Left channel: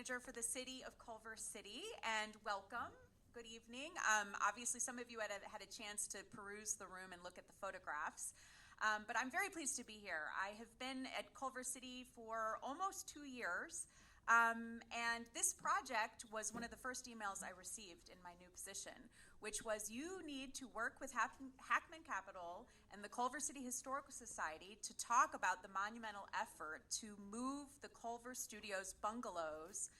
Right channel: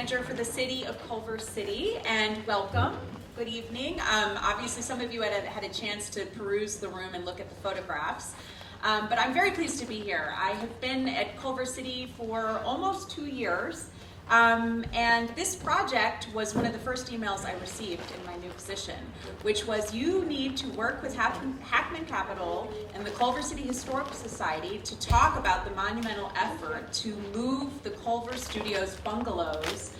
manager for the city of Culver City, and welcome. Good evening. Obviously, some of you had a chance to peruse the room and look at the photographs, but I'm very pleased to be here. I have been at Culver City for almost 2 years, and this project was one of the first emails I received in my new position, which was you need to work with Hackman Capital and the Culver City Historical Society to talk about the monumental effort to move the Culver Studios bungalows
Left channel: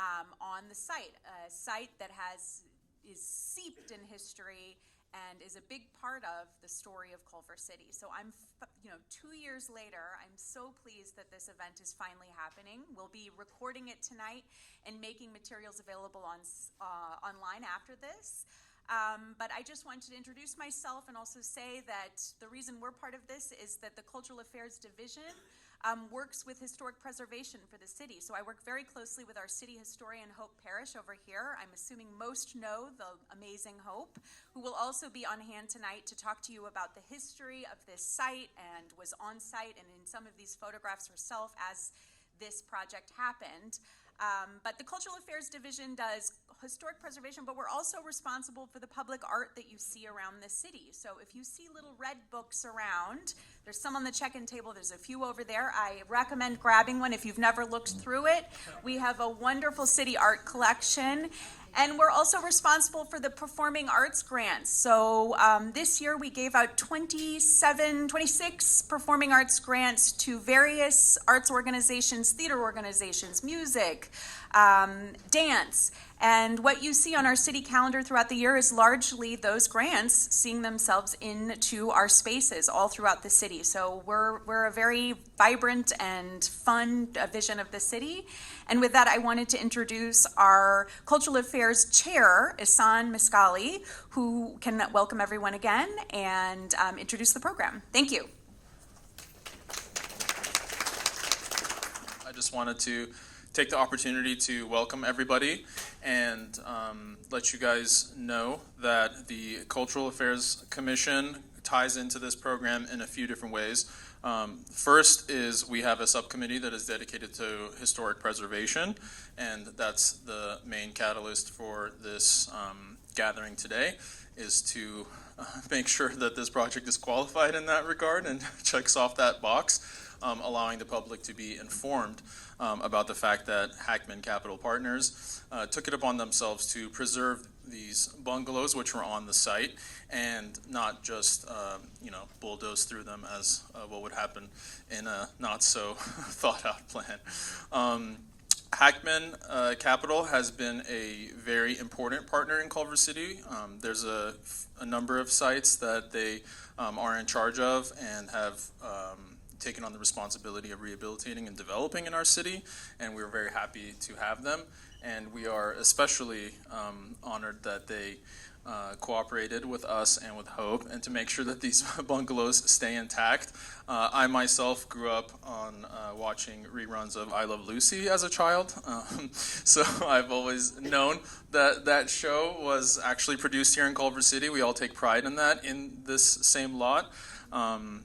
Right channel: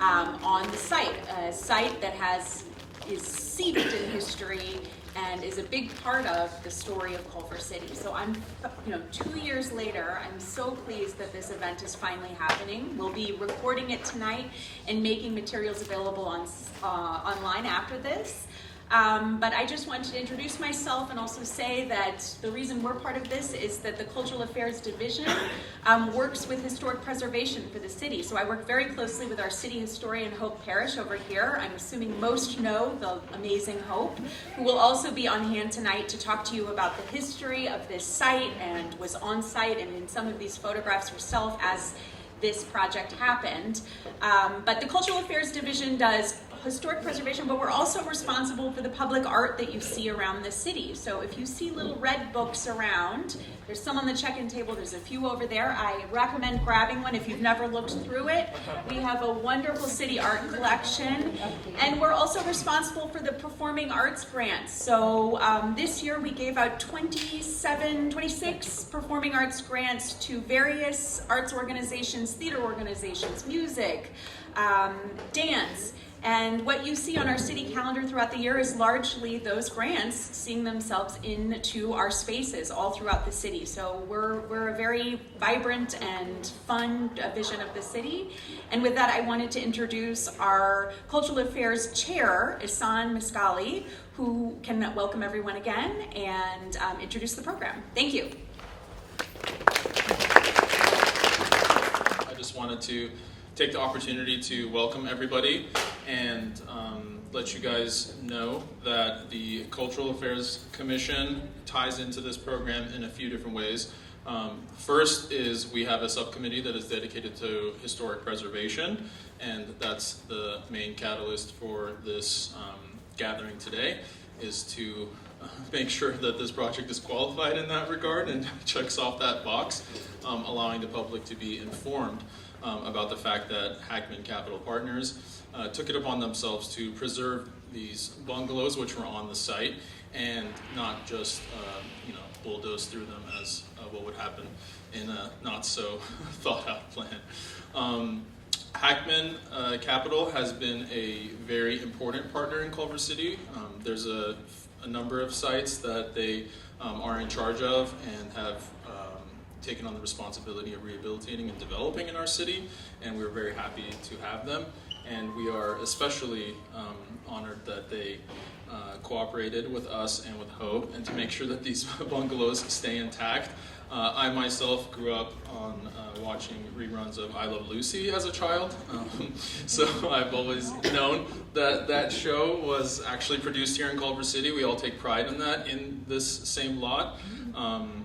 on the site, a site that is steeped in history and is a big part of the story of Culver City. So I'm, 2 years later, I'm so pleased that this event is finally happening. We'll be recording it tonight and making materials available online after this. But I just wanted to introduce myself and also say that the reason we're part of this is that the Cultural Affairs Division works with historic preservation for the city. So I work very closely with our city historian, Hope Parrish, over here. I'm assuming most know the amazing Hope, who will also be on hand tonight to talk to you about the history of this site and was on site and in some of these photographs herself as this project happened. But the Cultural Affairs Division does historic preservation, but we're also responsible for the public art that you see around the city. So if you see little red books around, there's some on the check-in table, there's a few over there. I recommend grabbing one if you've never looked through it. We have a wonderful city art collection, and we're also responsible for the performing arts grants. So this year we gave out 26 performing arts grants to various arts organizations, theater organizations, music, dance. And what you see on our city calendar throughout the year is largely those grants seeing themselves into our spaces all throughout the city. So we're a very vibrant and fun vision of the city. And with that, I wanted to introduce our Cultural Affairs Chair, Ihsan Miscali, who can welcome everyone again and introduce the program. Thank you. I just wanted to take the opportunity to welcome everybody and let you guys know that the Cultural Affairs Commission ties into this program in a few different ways. First is we have a subcommittee that is dedicated to historic preservation, and that's the main catalyst for this gathering today, is to make sure that this project is qualified in that regard and checks off that box, allowing the public to be informed about the fact that Hackman Capital Partners took it upon themselves to preserve these bungalows which were on the site and not just bulldoze through them as what would happen in a not so thought out plan. Hackman Capital has been a very important partner in Culver City. There's a number of sites that they are in charge of and have taken on the responsibility of rehabilitating and developing in our city, and we're very happy to have them. And we are especially honored that they cooperated with us and with Hope, and to make sure that these bungalows stay intact. I myself grew up on watching reruns of I Love Lucy as a child, so I've always known that that show was actually produced here in Culver City. We all take pride in that in this same lot.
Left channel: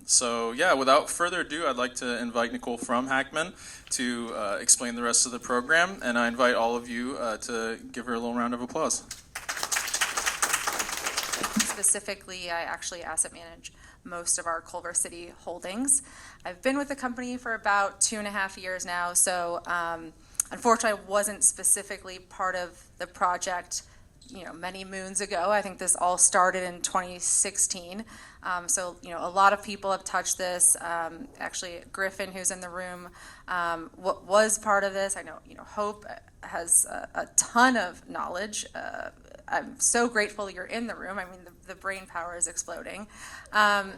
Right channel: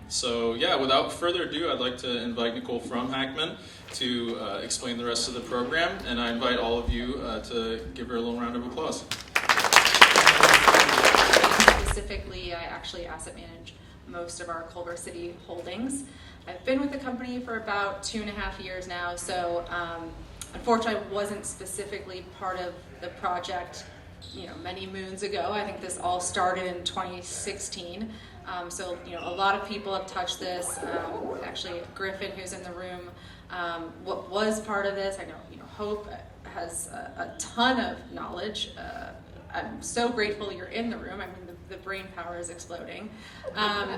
So yeah, without further ado, I'd like to invite Nicole from Hackman to explain the rest of the program, and I invite all of you to give her a little round of applause. Specifically, I actually asset manage most of our Culver City holdings. I've been with the company for about 2.5 years now, so unfortunately I wasn't specifically part of the project many moons ago. I think this all started in 2016. So a lot of people have touched this. Actually, Griffin, who's in the room, what was part of this. I know Hope has a ton of knowledge. I'm so grateful you're in the room. I mean, the brain power is exploding.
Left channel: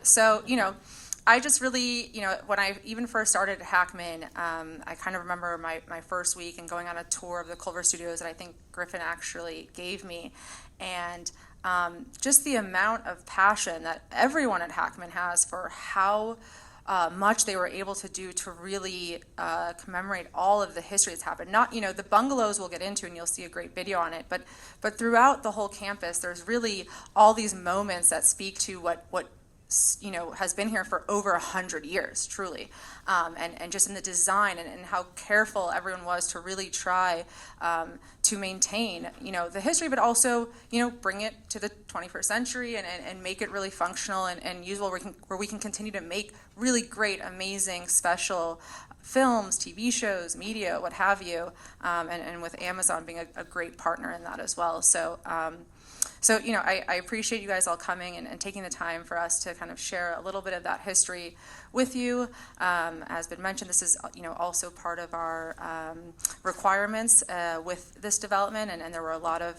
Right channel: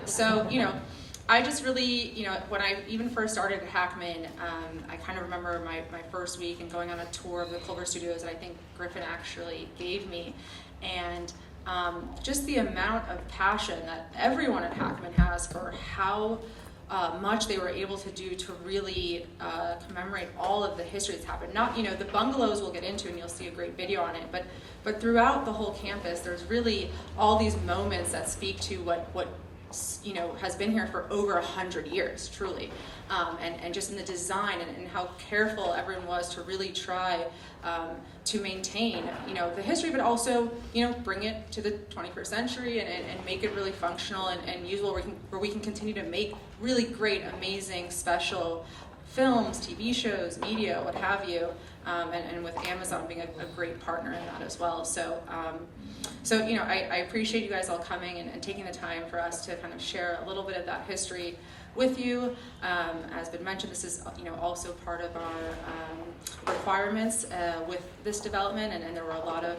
So I just really, when I even first started at Hackman, I kind of remember my first week and going on a tour of the Culver Studios that I think Griffin actually gave me, and just the amount of passion that everyone at Hackman has for how much they were able to do to really commemorate all of the history that's happened. Not, the bungalows we'll get into, and you'll see a great video on it, but throughout the whole campus, there's really all these moments that speak to what has been here for over 100 years, truly. And just in the design and how careful everyone was to really try to maintain, the history, but also, bring it to the 21st century and make it really functional and usable where we can continue to make really great, amazing, special films, TV shows, media, what have you, and with Amazon being a great partner in that as well. So I appreciate you guys all coming and taking the time for us to kind of share a little bit of that history with you. As been mentioned, this is also part of our requirements with this development, and there were a lot of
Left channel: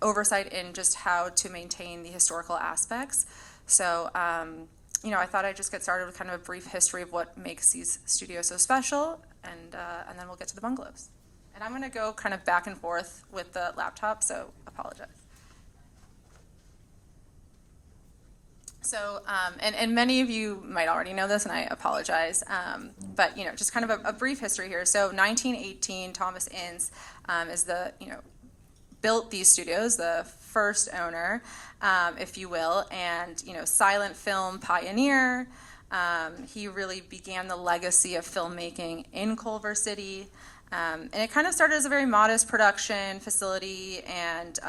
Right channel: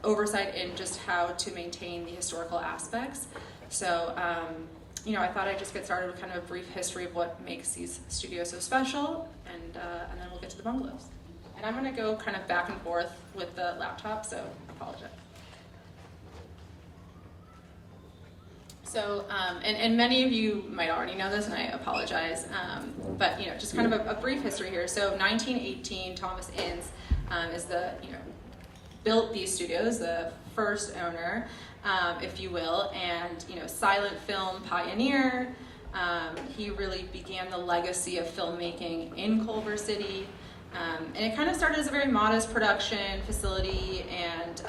oversight in just how to maintain the historical aspects. So I thought I'd just get started with kind of a brief history of what makes these studios so special, and then we'll get to the bungalows. And I'm going to go kind of back and forth with the laptop, so apologize. So, and many of you might already know this, and I apologize, but just kind of a brief history here. So 1918, Thomas Ince built these studios, the first owner, if you will, and silent film pioneer. He really began the legacy of filmmaking in Culver City, and it kind of started as a very modest production facility, and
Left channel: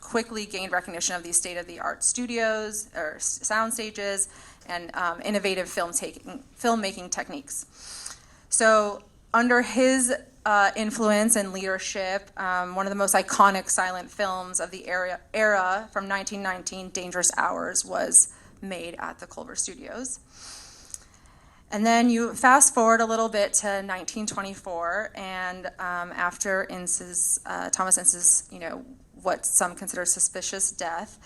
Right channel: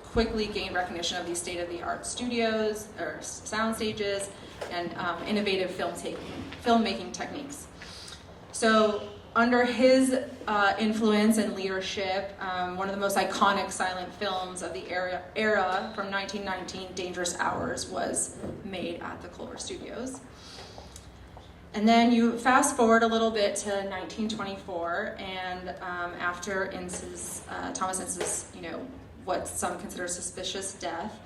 quickly gained recognition of these state-of-the-art studios or sound stages and innovative filmmaking techniques. So under his influence and leadership, one of the most iconic silent films of the era from 1919, Dangerous Hours, was made at the Culver Studios. And then you fast forward a little bit to 1924, and after Thomas Ince's, what some consider suspicious death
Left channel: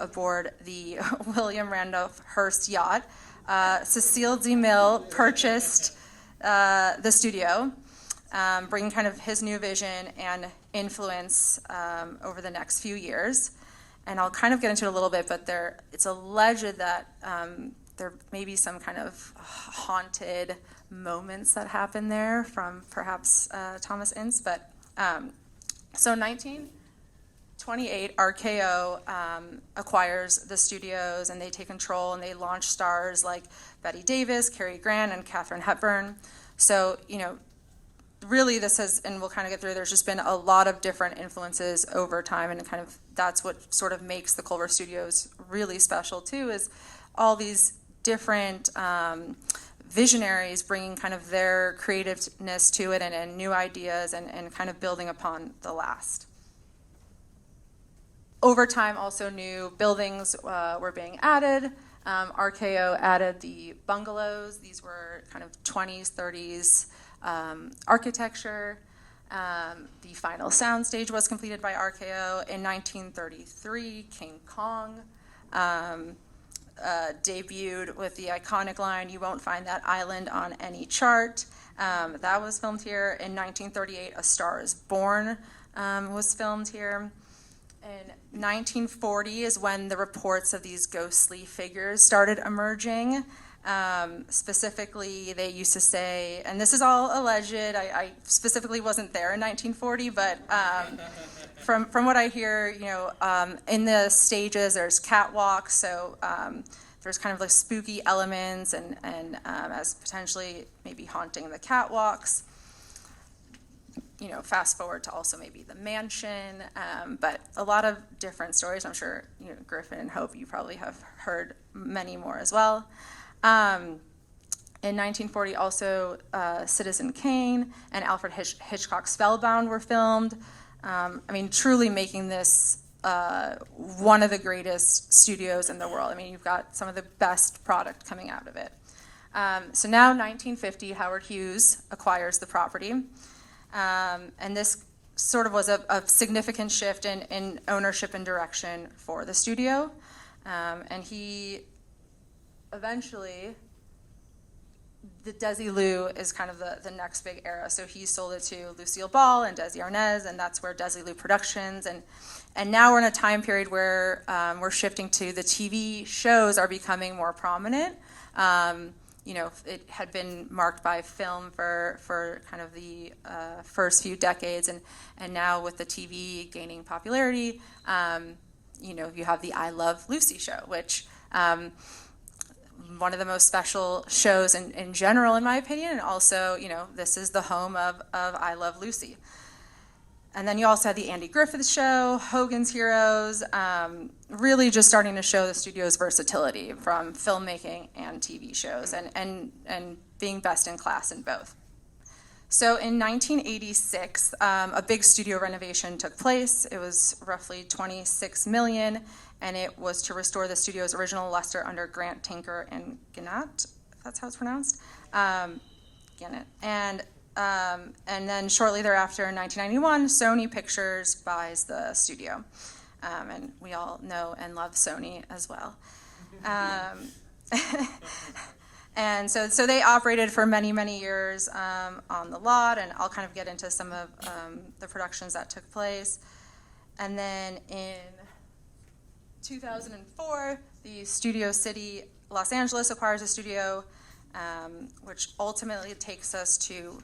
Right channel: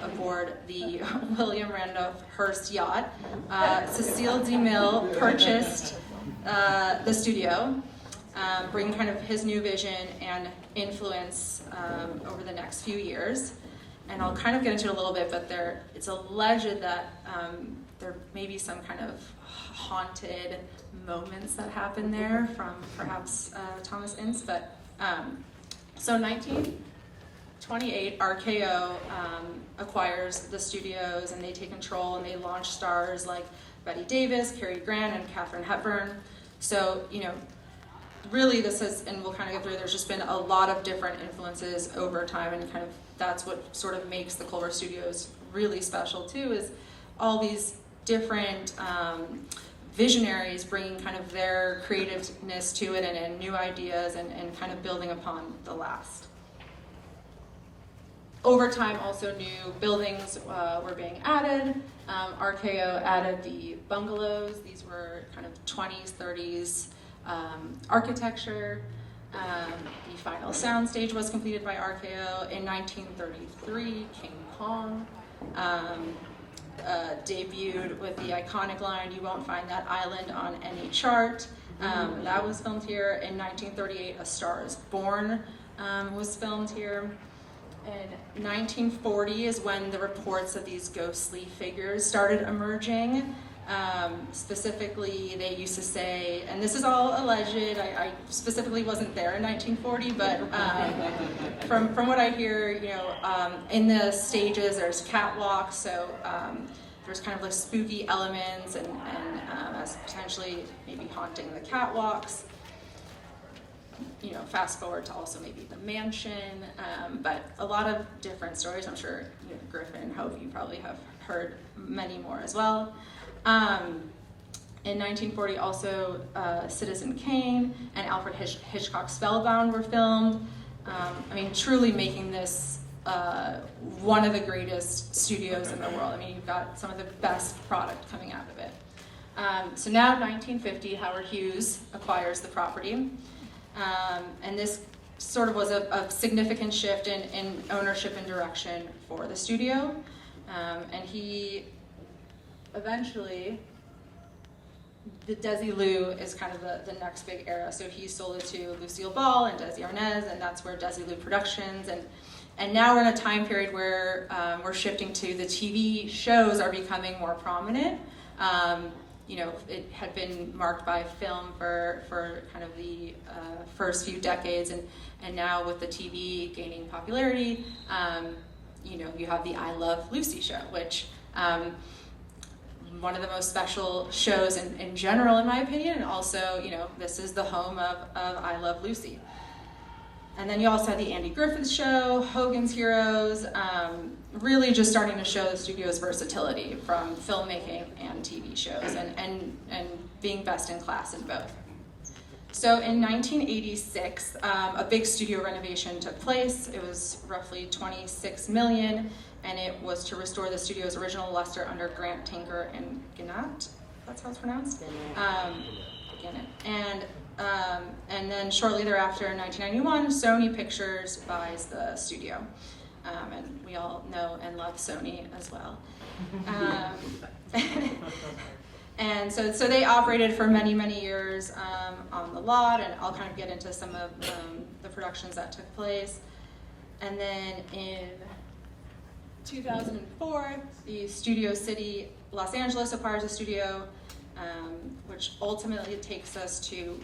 aboard the William Randolph Hearst yacht, Cecil DeMille purchased the studio, bringing kind of his new vision and influence over the next few years. And I'll kind of get into it a little bit, but it's alleged that there may be some kind of haunted moments that happen there from perhaps Thomas Ince. But so 1928, RKO acquires the studios, and they take control, and they launch stars like Bette Davis, Cary Grant, and Katharine Hepburn. So, really this has, and we'll kind of get through, there's just been a lot of different influences over time, and kind of that's what sort of makes the Culver Studios really special too, is all these different visionaries bringing kind of their creativeness to it and new ideas and kind of building upon the last. Over time, also new buildings were being added. RKO added the bungalows. These were kind of 20s, 30s architecture. The final soundstage was completed by RKO in 1933. King Kong debuted with the iconic line, "You won't find that island on any chart." That was filmed here. In 1938, A Star is Born was filmed here. In 1940 is when the reports of these ghostly figures started emerging. Specifically, they used to say, and this is all alleged, I specifically wasn't there in 1940, but from what I hear, in the stages there's catwalks, so there's kind of like spooky elements and as potentially maybe haunting the catwalks. Fast forward to also maybe the mansion, but a lot of different stories. I'm sure Griffin and Hope, you probably have heard many more as well. In 1940 also Citizen Kane and Alfred Hitchcock's Spellbound were filmed. Truly making this one of the greatest studios in the world. You've got some of the best product coming out of it. So now 1950, Howard Hughes acquires the property. And this sort of was a significant shift in ownership and direction for the studio. And he eventually, the Desilu is kind of the next big era. So he sold it to Lucille Ball and Desi Arnaz, and that's where Desilu Productions. And now we're in a time period where we're shifting to the TV shows are becoming more prominent. It had been marked by film for kind of the first few decades, and now with the TV gaining popularity, you have the I Love Lucy show, which One of the most special shows in general, in my opinion, and also, this is the home of I Love Lucy. And then you also had the Andy Griffith Show, Hogan's Heroes, really just starting to show the studio's versatility from filmmaking and TV shows, and being best in class in both. So in 1986, a big studio renovation took place. It was roughly $26 million, and it was to restore the studio's original luster under Grant, Tinker, and Gannett, if that's how it's pronounced. Gannett. And then shortly thereafter, in 1991, Sony Pictures buys the studio. And we all know and love Sony as well. And so they operated for many, many years on the lot, and I'll kind of get into some of the productions that took place. And then in 2004, the Studio City Los Angeles acquires the studio, which ultimately takes us to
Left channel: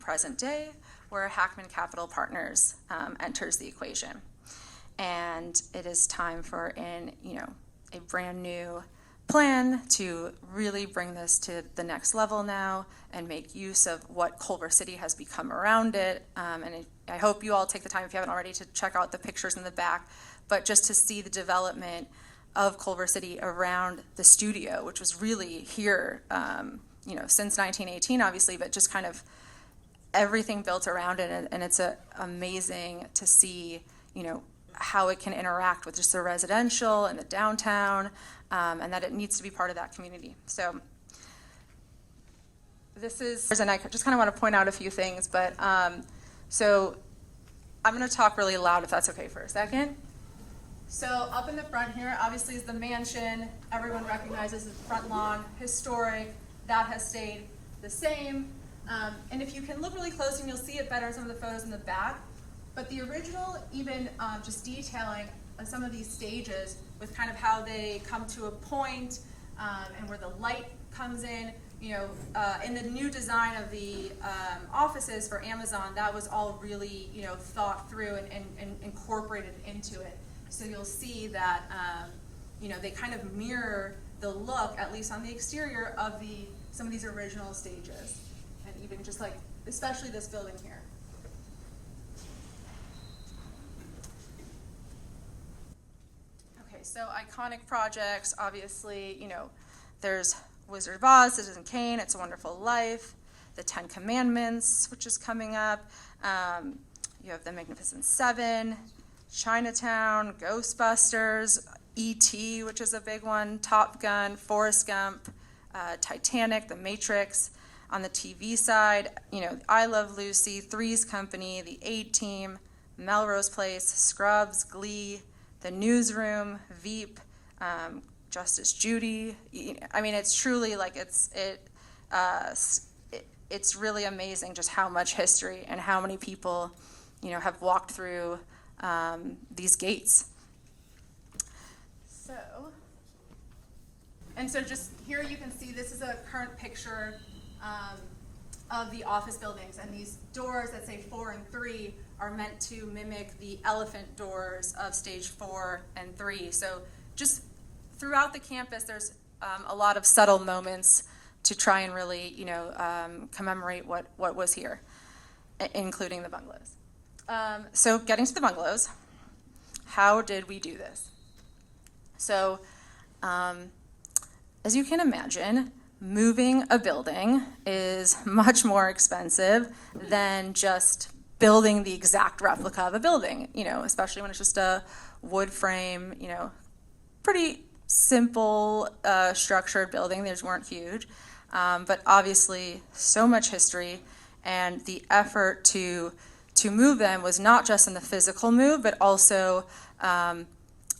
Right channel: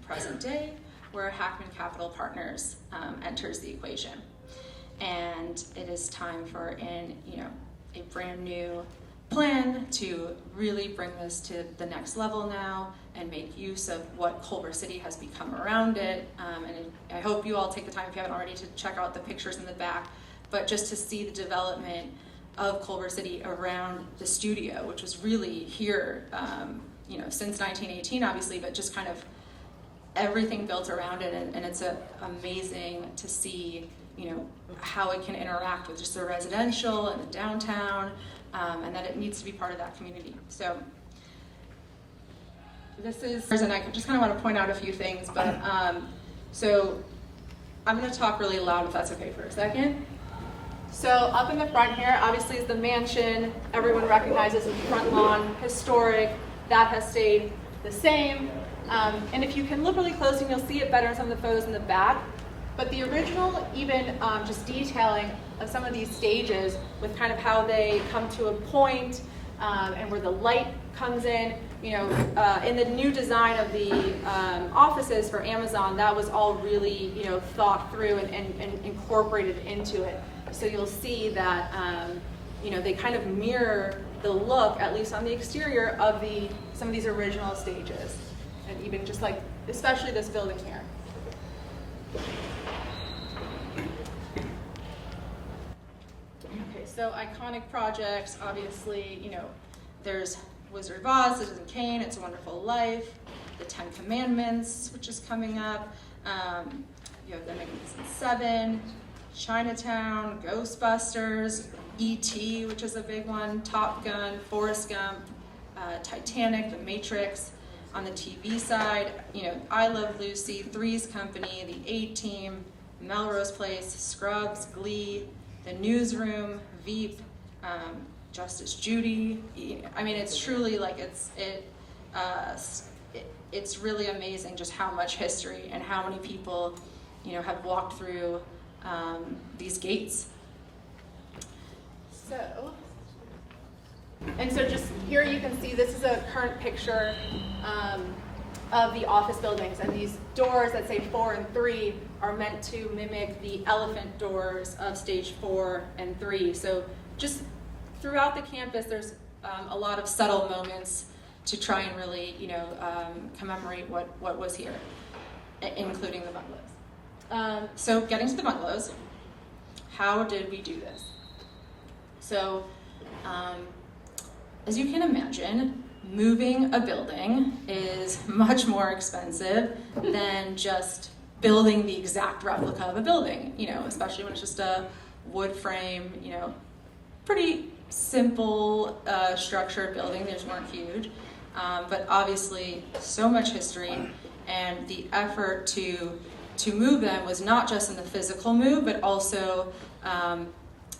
present day, where Hackman Capital Partners enters the equation. And it is time for a brand new plan to really bring this to the next level now and make use of what Culver City has become around it. And I hope you all take the time, if you haven't already, to check out the pictures in the back, but just to see the development of Culver City around the studio, which was really here, since 1918, obviously, but just kind of everything built around it, and it's amazing to see, how it can interact with just the residential and the downtown, and that it needs to be part of that community. So this is, and I just kind of want to point out a few things, but so I'm going to talk really loud if that's okay for a second. So up in the front here, obviously, is the mansion. Everyone recognizes the front lawn, historic. That has stayed the same. And if you can look really close, and you'll see it better in some of the photos in the back. But the original, even just detailing of some of these stages with kind of how they come to a point, and where the light comes in. In the new design of the offices for Amazon, that was all really thought through and incorporated into it. So you'll see that they kind of mirror the look, at least on the exterior, of some of these original stages, and even just like, especially this building here. Okay, so iconic projects, obviously, there's Wizard of Oz, Citizen Kane, It's a Wonderful Life, The Ten Commandments, which is coming up. You have The Magnificent Seven, Chinatown, Ghostbusters, E.T., which is a big one, Top Gun, Forrest Gump, Titanic, The Matrix. On the TV side, I Love Lucy, Three's Company, The A-Team, Melrose Place, Scrubs, Glee, The Newsroom, Veep, Justice Judy. I mean, it's truly like it's really amazing just how much history and how many people have walked through these gates. So just here you can see, this is a current picture of the office buildings, and these doors that say 4 and 3 are meant to mimic the elephant doors of stage 4 and 3. So just throughout the campus, there's a lot of subtle moments to try and really, commemorate what was here, including the bungalows. So getting to the bungalows, how did we do this? So, as you can imagine, moving a building is much more expensive than just building the exact replica of a building, especially when it's just a wood frame, pretty simple structured building. These weren't huge, but obviously so much history, and the effort to move them was not just in the physical move, but also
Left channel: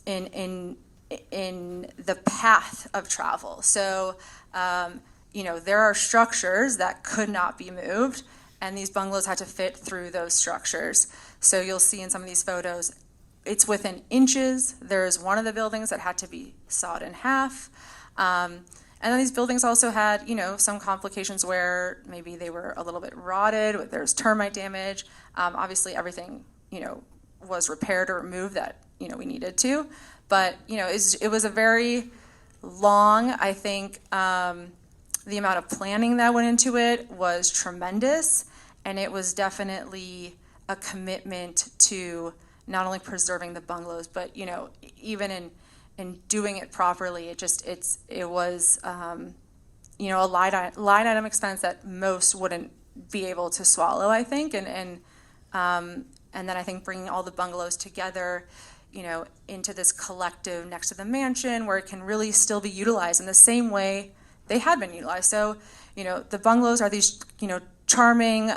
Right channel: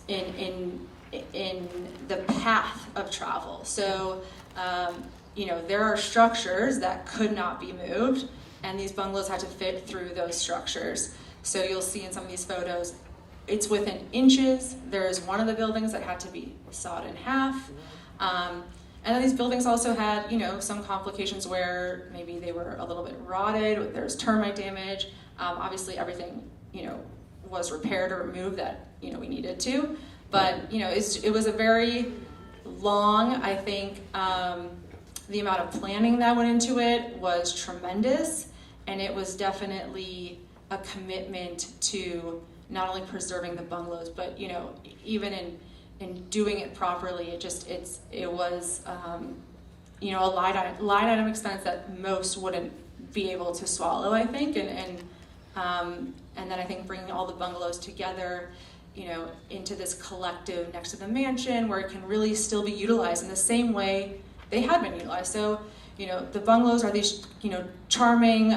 in the path of travel. So, there are structures that could not be moved, and these bungalows had to fit through those structures. So you'll see in some of these photos, it's within inches. There's one of the buildings that had to be sawed in half. And then these buildings also had, some complications where maybe they were a little bit rotted, there's termite damage. Obviously everything, was repaired or removed that, we needed to. But, it was a very long. I think the amount of planning that went into it was tremendous, and it was definitely a commitment to not only preserving the bungalows, but even in doing it properly. It was a line item expense that most wouldn't be able to swallow, I think, and then I think bringing all the bungalows together, into this collective next to the mansion where it can really still be utilized in the same way they had been utilized. So, the bungalows are these, charming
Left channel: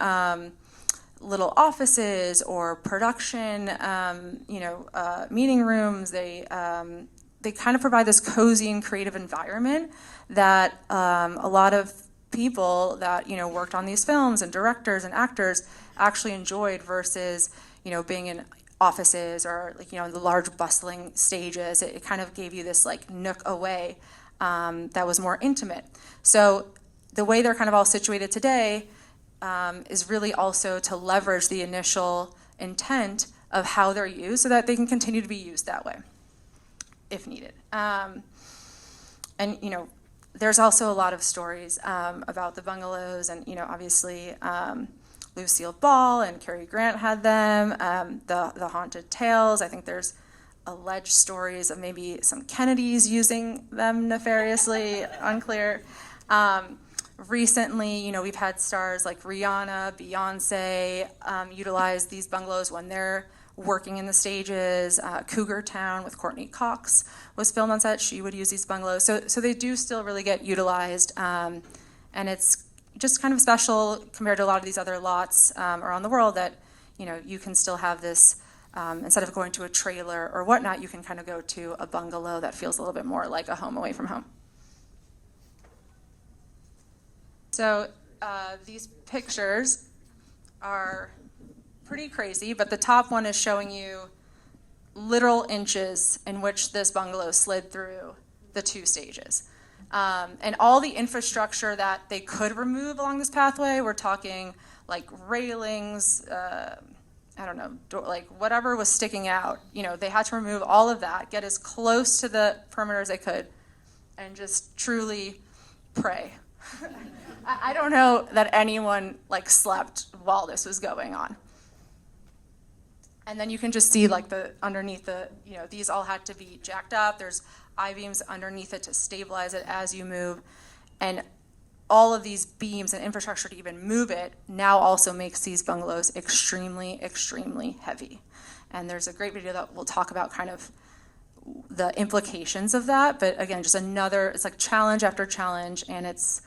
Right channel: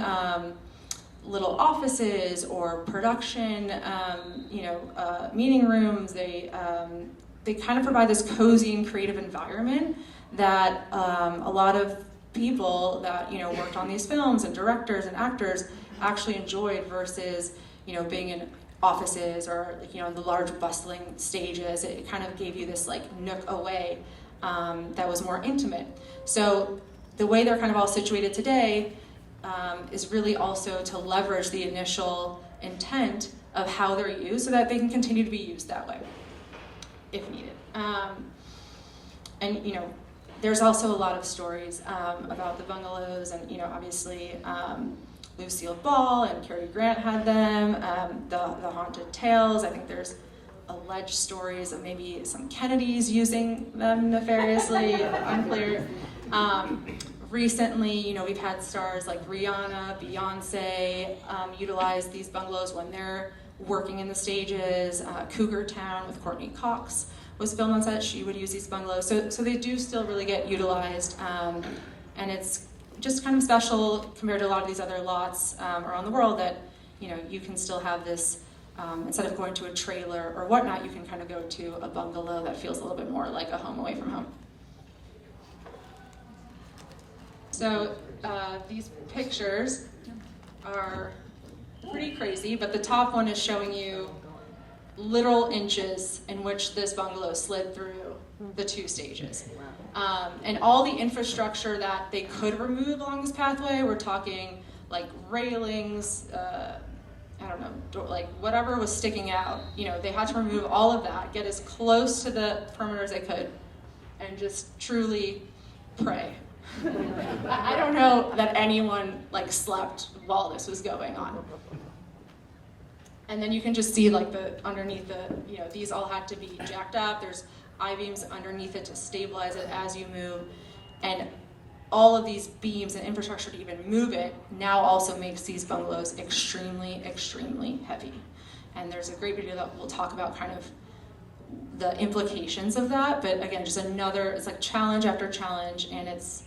little offices or production, meeting rooms. They kind of provide this cozy and creative environment that a lot of people that worked on these films and directors and actors actually enjoyed versus being in offices or the large bustling stages. It kind of gave you this nook away that was more intimate. So the way they're kind of all situated today is really also to leverage the initial intent of how they're used so that they can continue to be used that way if needed. And there's also a lot of stories about the bungalows, and obviously Lucille Ball and Cary Grant had them. The haunted tales. I think there's alleged stories of maybe some Kennedys using them nefariously. Unclear. Recently, we've had stars like Rihanna, Beyonce utilize these bungalows when they're working in the stages. Cougar Town with Courtney Cox was filmed on set. She would use these bungalows. So they do still really get utilized, and it's just kind of special compared to a lot of these other lots around the world that you can still have this, instead of going to a trailer or whatnot, you can kind of go to a bungalow that feels a little bit more like a home away from home. So these pictures are pretty crazy, but the top one is showing you literal inches in which this bungalow slid through the 2 stages. And all the infrastructure that they could remove along this pathway, we're talking like railings, whatever was sticking out, they had to remove all of that, get as close to the perimeter as they could, and just truly pray. I don't know that anyone slept while this was going on. And then you can just see underneath these all had to be jacked up. There's I-beams underneath it to stabilize it as you move. And all of these beams and infrastructure to even move it now also makes these bungalows extremely, extremely heavy. And there's a great video that will talk about kind of the implications of that. But again, just it's like challenge after challenge, and it's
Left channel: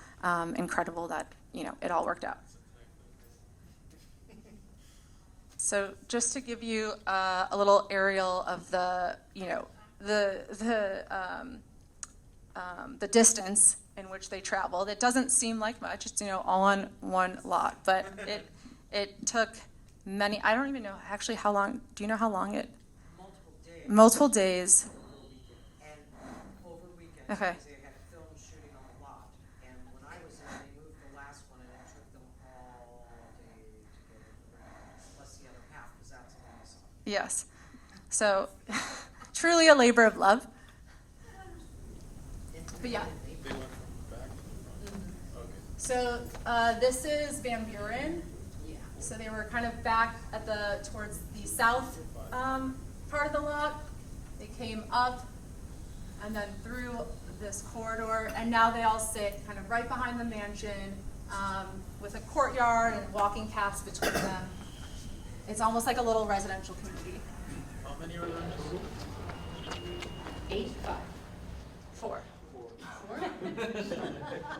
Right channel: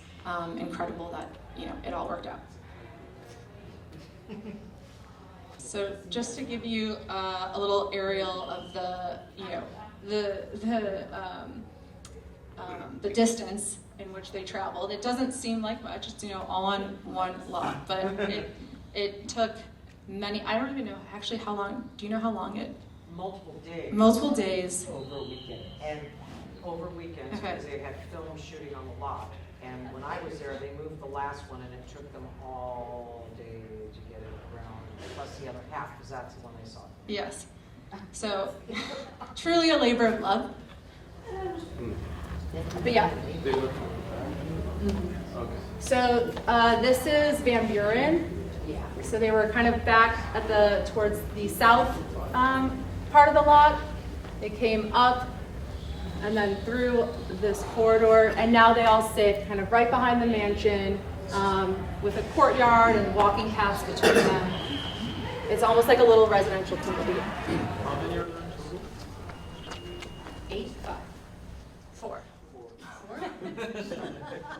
incredible that it all worked out. So just to give you a little aerial of the distance in which they traveled. It doesn't seem like much. It's all on one lot, but it took many. I don't even know actually how long. Do you know how long it? Multiple days. Multiple days. Over weekend and over weekends, Okay. because they had film shooting on the lot. And when I was there, they moved the last one, and it took them all day to get it around. Plus the other half, because that's the one they saw. Yes. So truly a labor of love. But yeah. So this is Van Buren. So they were kind of back at towards the south part of the lot. They came up and then through this corridor, and now they all sit kind of right behind the mansion with a courtyard and walking paths between them. It's almost like a little residential community. How many are there total? 8, 5. 4.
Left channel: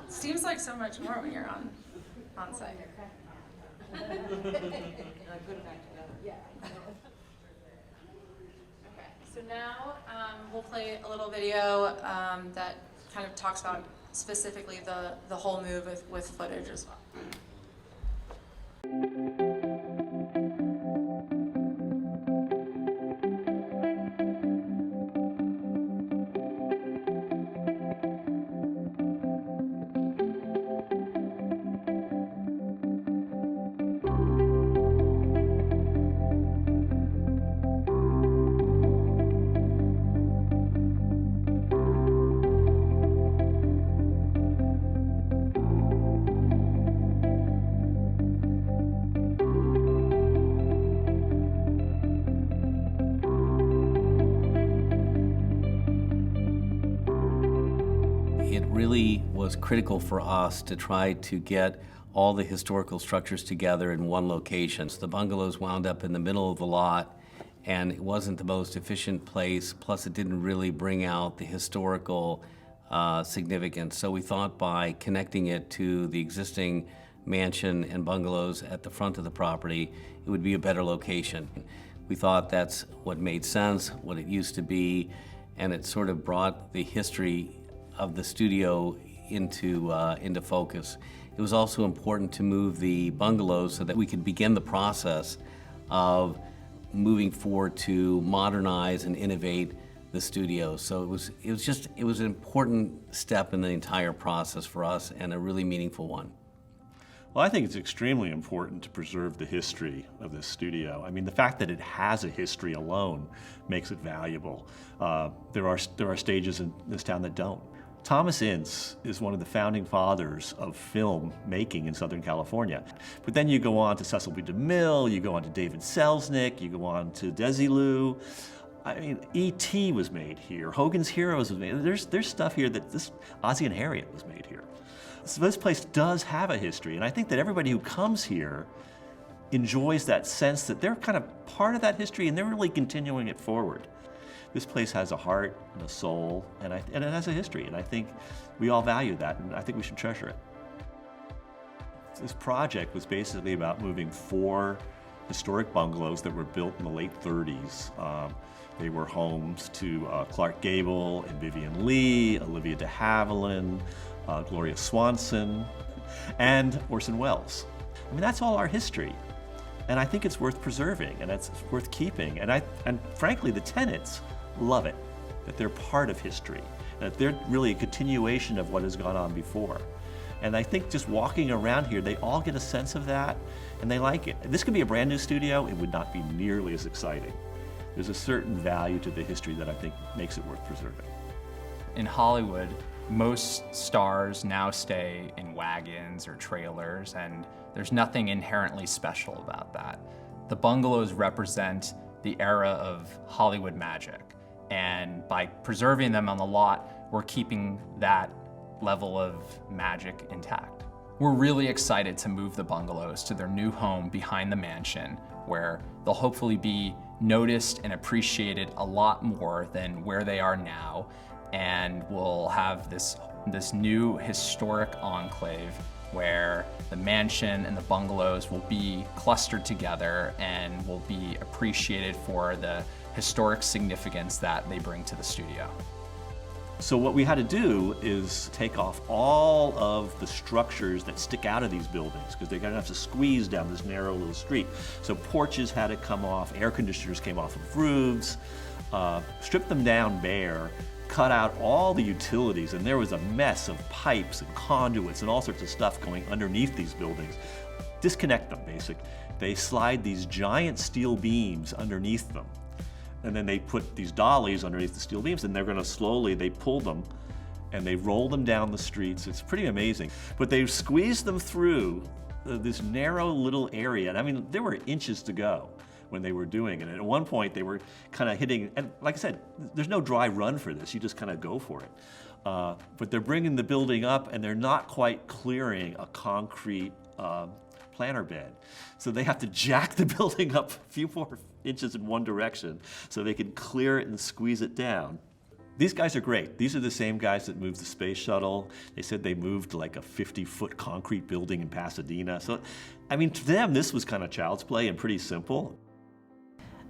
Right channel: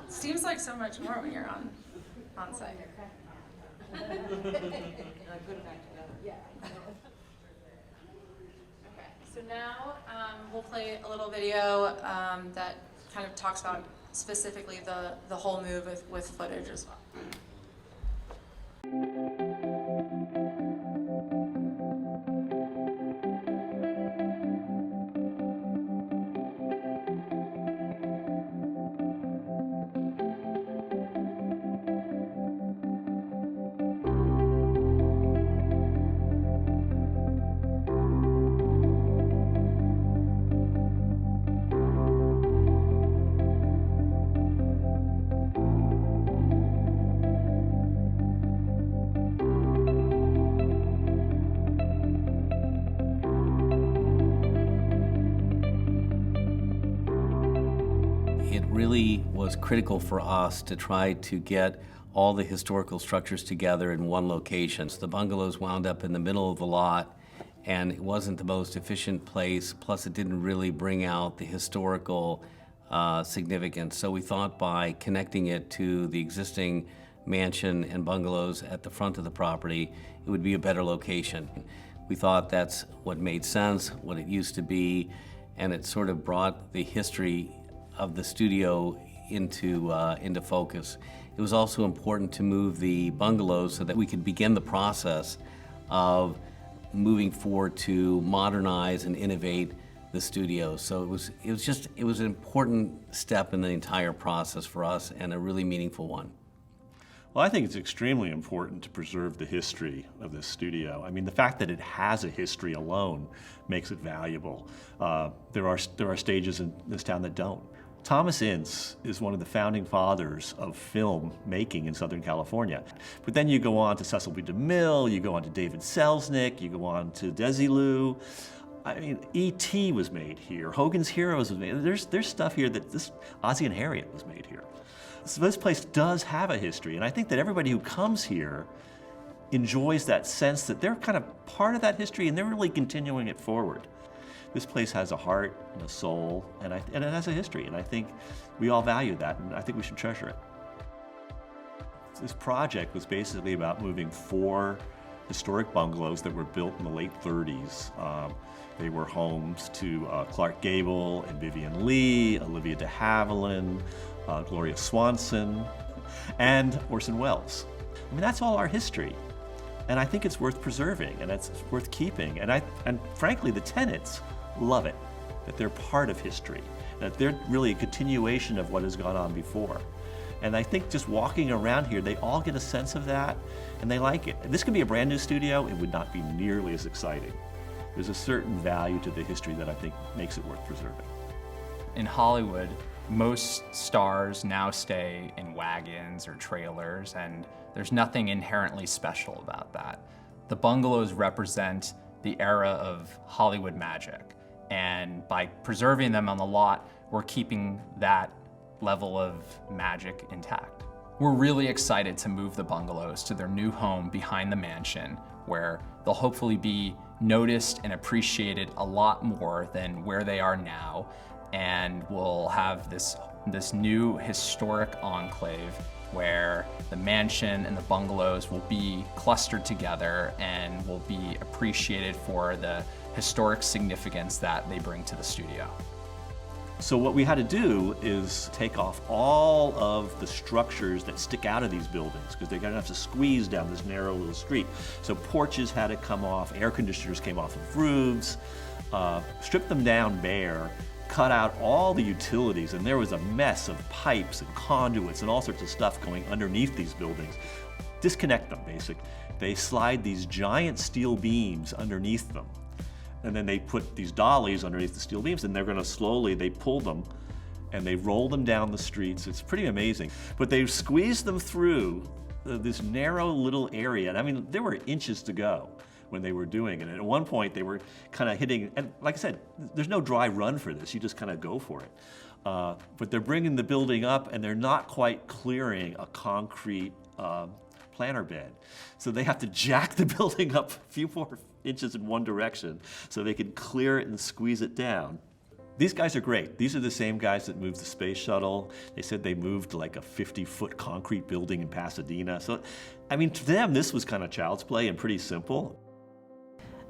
Seems like so much more when you're on site. And I put it back together. Yeah. Okay, so now we'll play a little video that kind of talks about specifically the whole move with footage as well. was critical for us to try to get all the historical structures together in one location. So the bungalows wound up in the middle of the lot, and it wasn't the most efficient place, plus it didn't really bring out the historical significance. So we thought by connecting it to the existing mansion and bungalows at the front of the property, it would be a better location. We thought that's what made sense, what it used to be, and it sort of brought the history of the studio into focus. It was also important to move the bungalows so that we could begin the process of moving forward to modernize and innovate the studio. So it was an important step in the entire process for us, and a really meaningful one. Well, I think it's extremely important to preserve the history of this studio. I mean, the fact that it has a history alone makes it valuable. There are stages in this town that don't. Thomas Ince is one of the founding fathers of film making in Southern California. But then you go on to Cecil B. DeMille, you go on to David Selznick, you go on to Desilu. I mean, E.T. was made here, Hogan's Heroes was made. There's stuff here that Ozzie and Harriet was made here. So this place does have a history, and I think that everybody who comes here enjoys that sense that they're kind of part of that history and they're really continuing it forward. This place has a heart and a soul, and it has a history, and I think we all value that, and I think we should treasure it. This project was basically about moving 4 historic bungalows that were built in the late 30s. They were homes to Clark Gable and Vivian Lee, Olivia de Havilland, Gloria Swanson, and Orson Welles. I mean, that's all our history. And I think it's worth preserving, and it's worth keeping. And frankly, the tenants love it, that they're part of history, that they're really a continuation of what has gone on before. And I think just walking around here, they all get a sense of that, and they like it. This could be a brand new studio, it would not be nearly as exciting. There's a certain value to the history that I think makes it worth preserving. In Hollywood, most stars now stay in wagons or trailers, and there's nothing inherently special about that. The bungalows represent the era of Hollywood magic, and by preserving them on the lot, we're keeping that level of magic intact. We're really excited to move the bungalows to their new home behind the mansion, where they'll hopefully be noticed and appreciated a lot more than where they are now, and we'll have this new historic enclave where the mansion and the bungalows will be clustered together and will be appreciated for the historic significance that they bring to the studio. So what we had to do is take off all of the structures that stick out of these buildings, because they're gonna have to squeeze down this narrow little street. So porches had to come off, air conditioners came off of roofs, stripped them down bare, cut out all the utilities, and there was a mess of pipes and conduits and all sorts of stuff going underneath these buildings. Disconnect them, basically. They slide these giant steel beams underneath them, and then they put these dollies underneath the steel beams, and they're gonna slowly, they pull them and they roll them down the streets. It's pretty amazing. But they squeezed them through this narrow little area, and I mean, there were inches to go when they were doing it. And at one point they were kind of hitting, and like I said, there's no dry run for this, you just kind of go for it. But they're bringing the building up and they're not quite clearing a concrete planter bed. So they have to jack the building up a few more inches in one direction so they can clear it and squeeze it down. These guys are great. These are the same guys that moved the space shuttle. They said they moved like a 50-foot concrete building in Pasadena. So, I mean, to them, this was kind of child's play and pretty simple.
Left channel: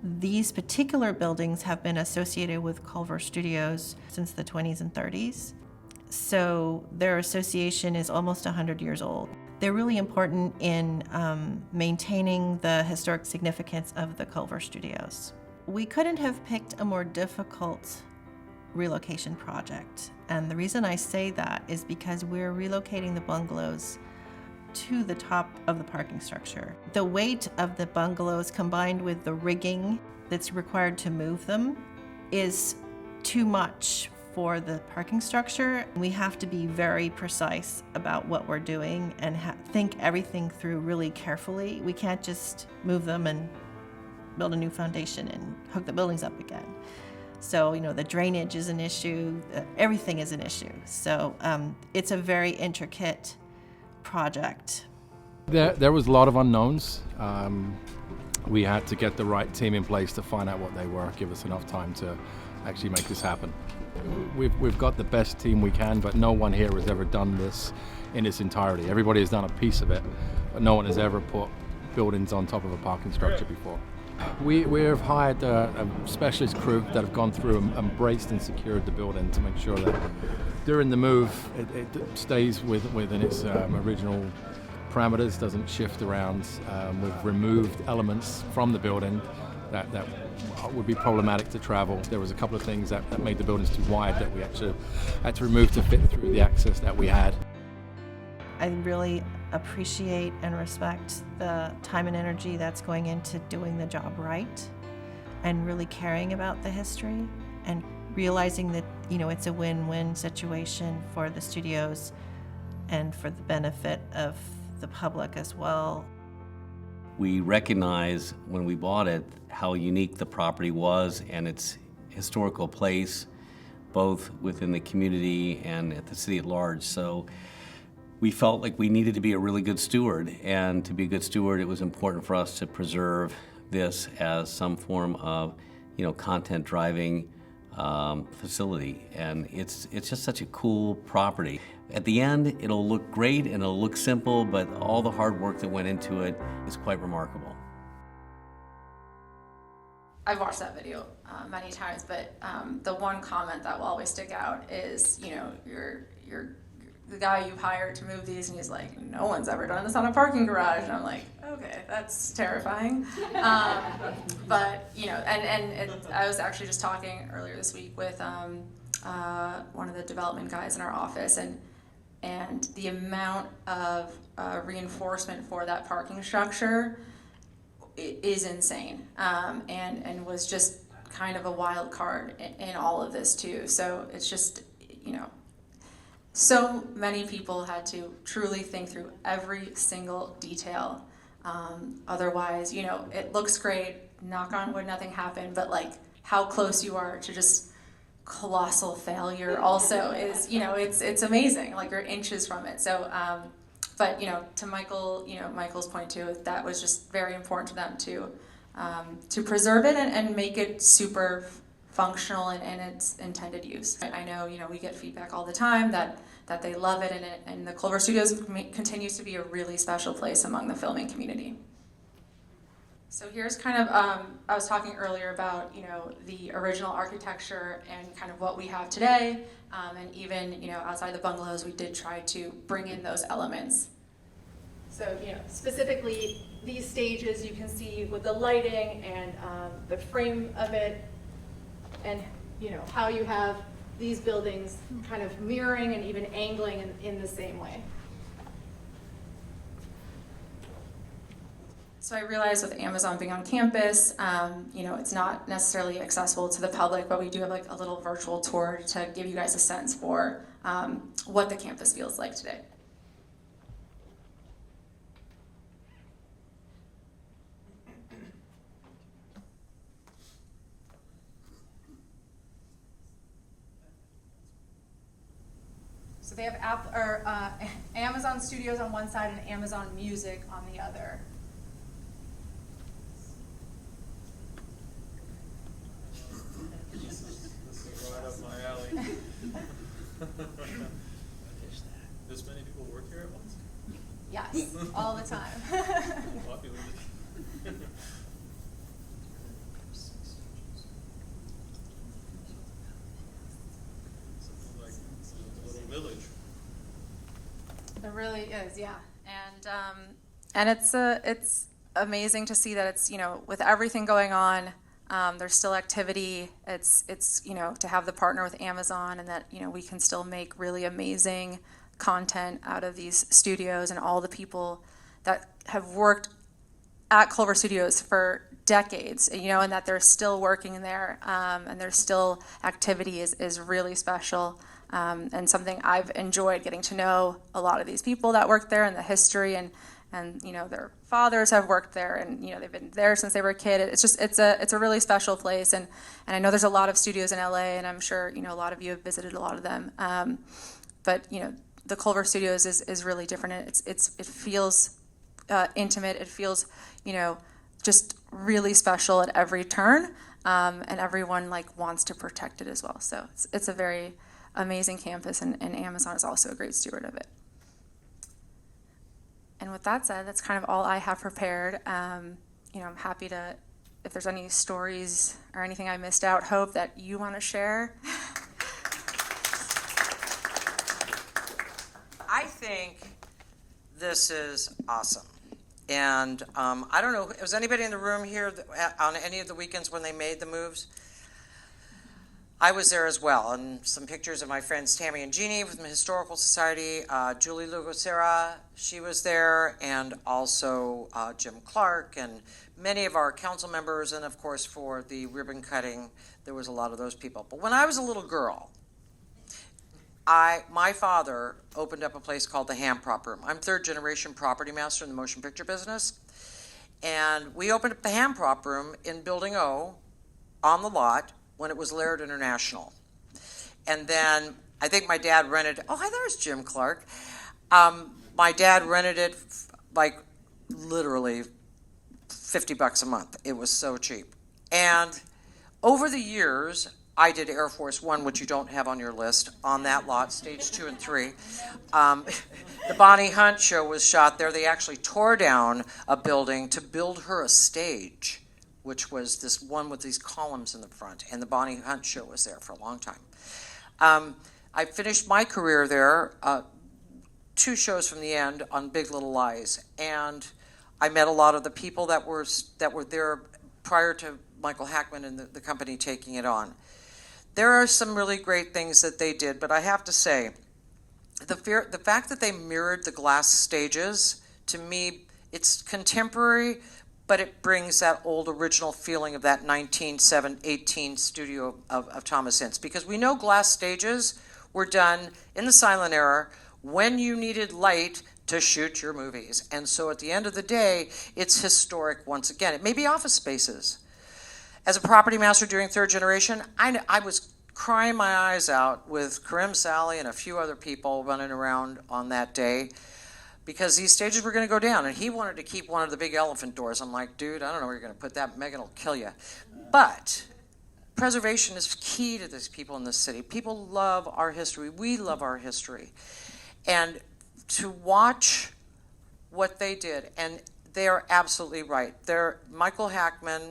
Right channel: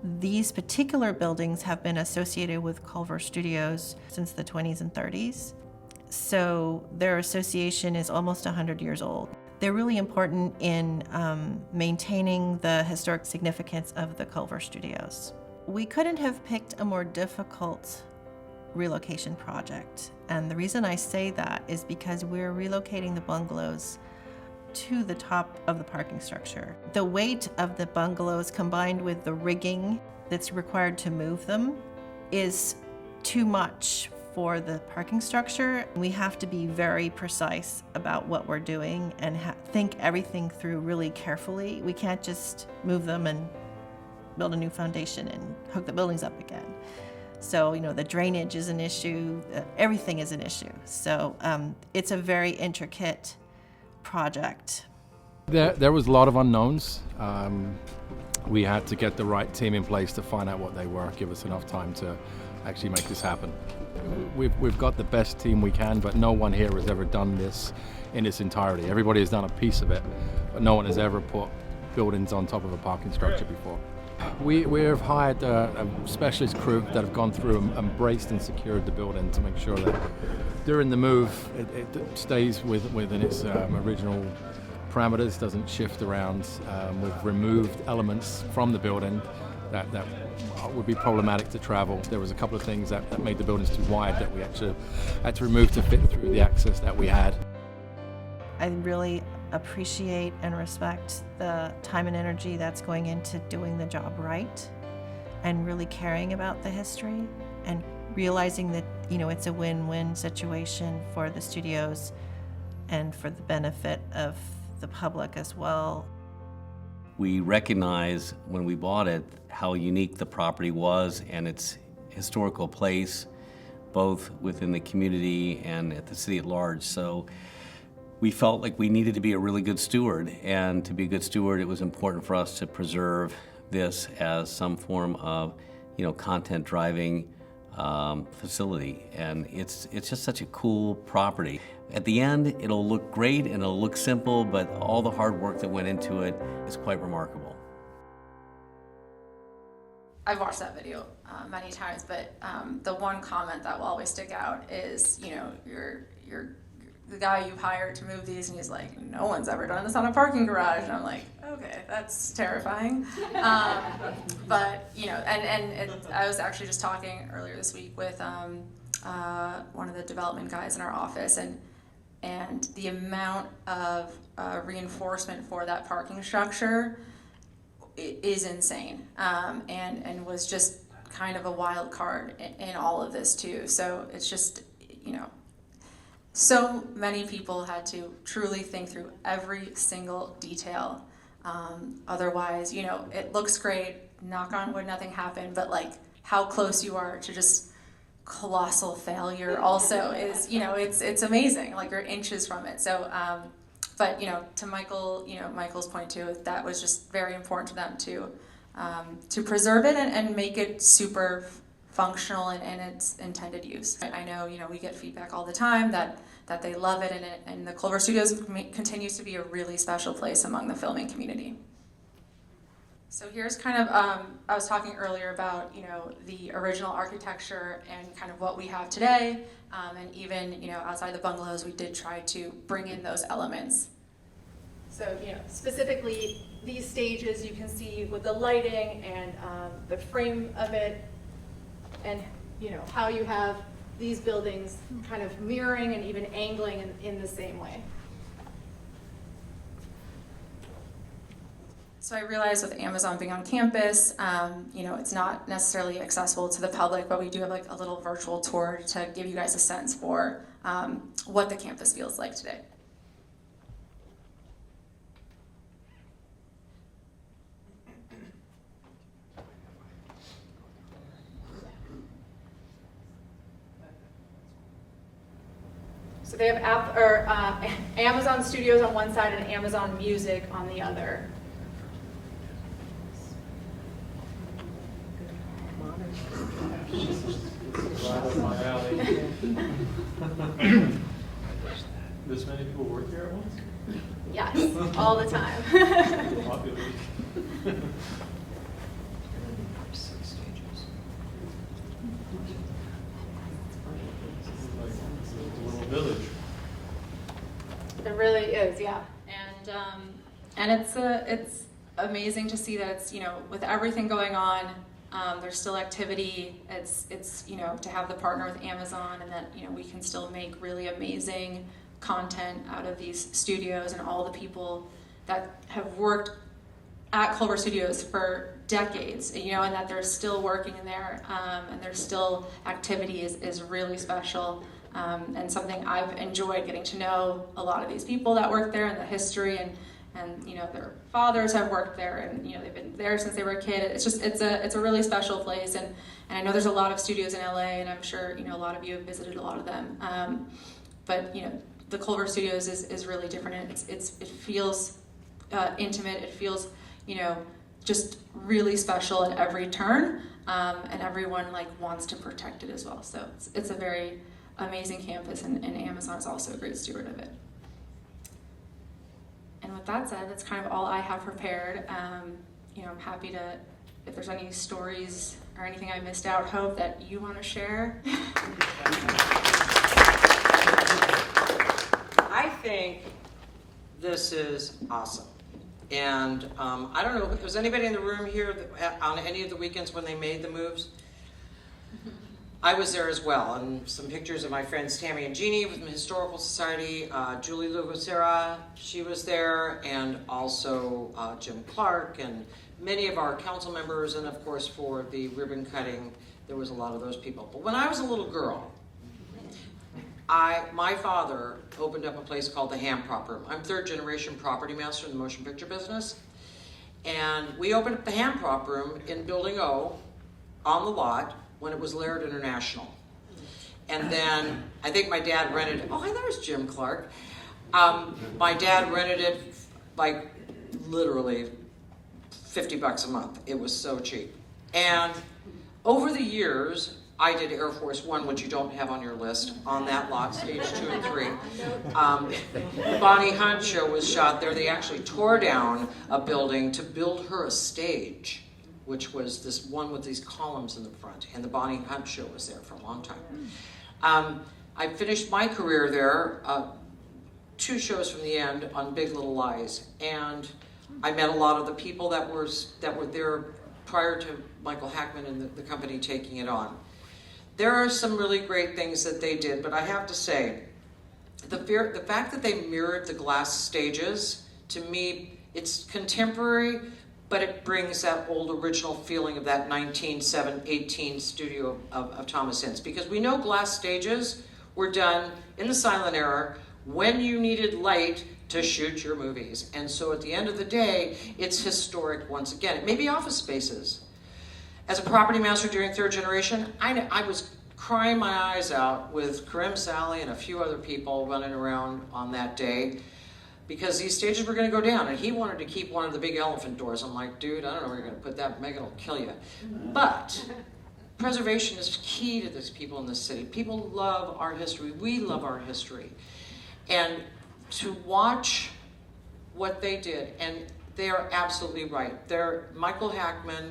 These particular buildings have been associated with Culver Studios since the 20s and 30s. So their association is almost 100 years old. They're really important in maintaining the historic significance of the Culver Studios. We couldn't have picked a more difficult relocation project. And the reason I say that is because we're relocating the bungalows to the top of the parking structure. The weight of the bungalows combined with the rigging that's required to move them is too much for the parking structure. We have to be very precise about what we're doing and think everything through really carefully. We can't just move them and build a new foundation and hook the buildings up again. So, the drainage is an issue, everything is an issue. So it's a very intricate project. There was a lot of unknowns. We had to get the right team in place to find out what they were, give us enough time to actually make this happen. We've got the best team we can, but no one here has ever done this in its entirety. Everybody has done a piece of it, but no one has ever put buildings on top of a parking structure before. We have hired a specialist crew that have gone through and braced and secured the building to make sure that during the move it stays within its original parameters, doesn't shift around. We've removed elements from the building that would be problematic to travel. There was a couple of things that made the buildings too wide that we actually had to remove to fit through the access that we had. I really appreciate and respect the time and energy that's going into doing the job right and really caring about the history and realizing that, it's a win-win situation for the studios and for the benefit of the public as well. We recognize when we bought it how unique the property was and its historical place, both within the community and at the city at large. So we felt like we needed to be a really good steward, and to be a good steward, it was important for us to preserve this as some form of, content driving facility. And it's just such a cool property. At the end, it'll look great and it'll look simple, but all the hard work that went into it is quite remarkable. I've watched that video many times, but the one comment that will always stick out is, you're the guy you've hired to move these, and he's like, no one's ever done this on a parking garage. And I'm like, okay, that's terrifying. But, I was actually just talking earlier this week with one of the development guys in our office, and the amount of reinforcement for that parking structure is insane, and was just kind of a wild card in all of this too. So it's just, so many people had to truly think through every single detail. Otherwise, it looks great, knock on wood, nothing happened, but like how close you are to just colossal failure also is, it's amazing, like you're inches from it. So, but, to Michael's point too, that was just very important to them to preserve it and make it super functional in its intended use. I know, we get feedback all the time that they love it, and the Culver Studios continues to be a really special place among the filming community. So here's kind of, I was talking earlier about, the original architecture and kind of what we have today, and even, outside the bungalows, we did try to bring in those elements. So, specifically these stages you can see with the lighting and the frame of it, and, how you have these buildings kind of mirroring and even angling in the same way. So I realize with Amazon being on campus, it's not necessarily accessible to the public, but we do have like a little virtual tour to give you guys a sense for what the campus feels like today. So they have Amazon Studios on one side and Amazon Music on the other. This many people work here at once? Yes, all the time. Population. It's a little village. It really is, yeah. And it's amazing to see that it's, with everything going on, there's still activity. It's to have the partner with Amazon, and that we can still make really amazing content out of these studios, and all the people that have worked at Culver Studios for decades, and that they're still working there, and there's still activity is really special, and something I've enjoyed getting to know a lot of these people that work there and the history, and their fathers have worked there, and they've been there since they were a kid. It's a really special place, and I know there's a lot of studios in LA, and I'm sure a lot of you have visited a lot of them. But the Culver Studios is really different. It feels intimate. It feels just really special at every turn, and everyone wants to protect it as well. So it's a very amazing campus, and Amazon is also a great steward of it. And with that said, that's kind of all I have prepared. I'm happy to, if there's any stories or anything I missed out, Hope, that you want to share. I think this is awesome. And I don't know, was anybody in the room here on any of the weekends when they made the moves? I was there as well, and some pictures of my friends Tammy and Jeannie from the Historical Society, Julie Lugosera, she was there, and also Jim Clark, and many of our council members, and of course for the ribbon cutting, there was a lot of those people. But when I was a little girl, my father opened up a place called the Ham Prop Room. I'm third generation property master in the motion picture business, and we opened up the Ham Prop Room in Building O on the lot when it was Laird International. And then I think my dad rented, there's Jim Clark. My dad rented it literally $50 a month. It was so cheap. And over the years, I did Air Force One, which you don't have on your list, on that lot, stage 2 and 3. The Bonnie Hunt show was shot there. They actually tore down a building to build her a stage, which was this one with these columns in the front, and the Bonnie Hunt show was there for a long time. I finished my career there, 2 shows from the end on Big Little Lies, and I met a lot of the people that were there prior to Michael Hackman and the company taking it on. There are some really great things that they did, but I have to say, the fact that they mirrored the glass stages, to me, it's contemporary, but it brings that old original feeling of that 1918 studio of Thomas Ince. Because we know glass stages were done in the silent era when you needed light to shoot your movies. And so at the end of the day, it's historic once again. It may be office spaces. As a property master during third generation, I was crying my eyes out with Karim Sally and a few other people running around on that day, because these stages were going to go down, and he wanted to keep one of the big elephant doors. I'm like, dude, I don't know where you're going to put that. Megan will kill you. But preservation is key to these people in this city. People love our history. We love our history. And to watch what they did, and they are absolutely right. Michael Hackman,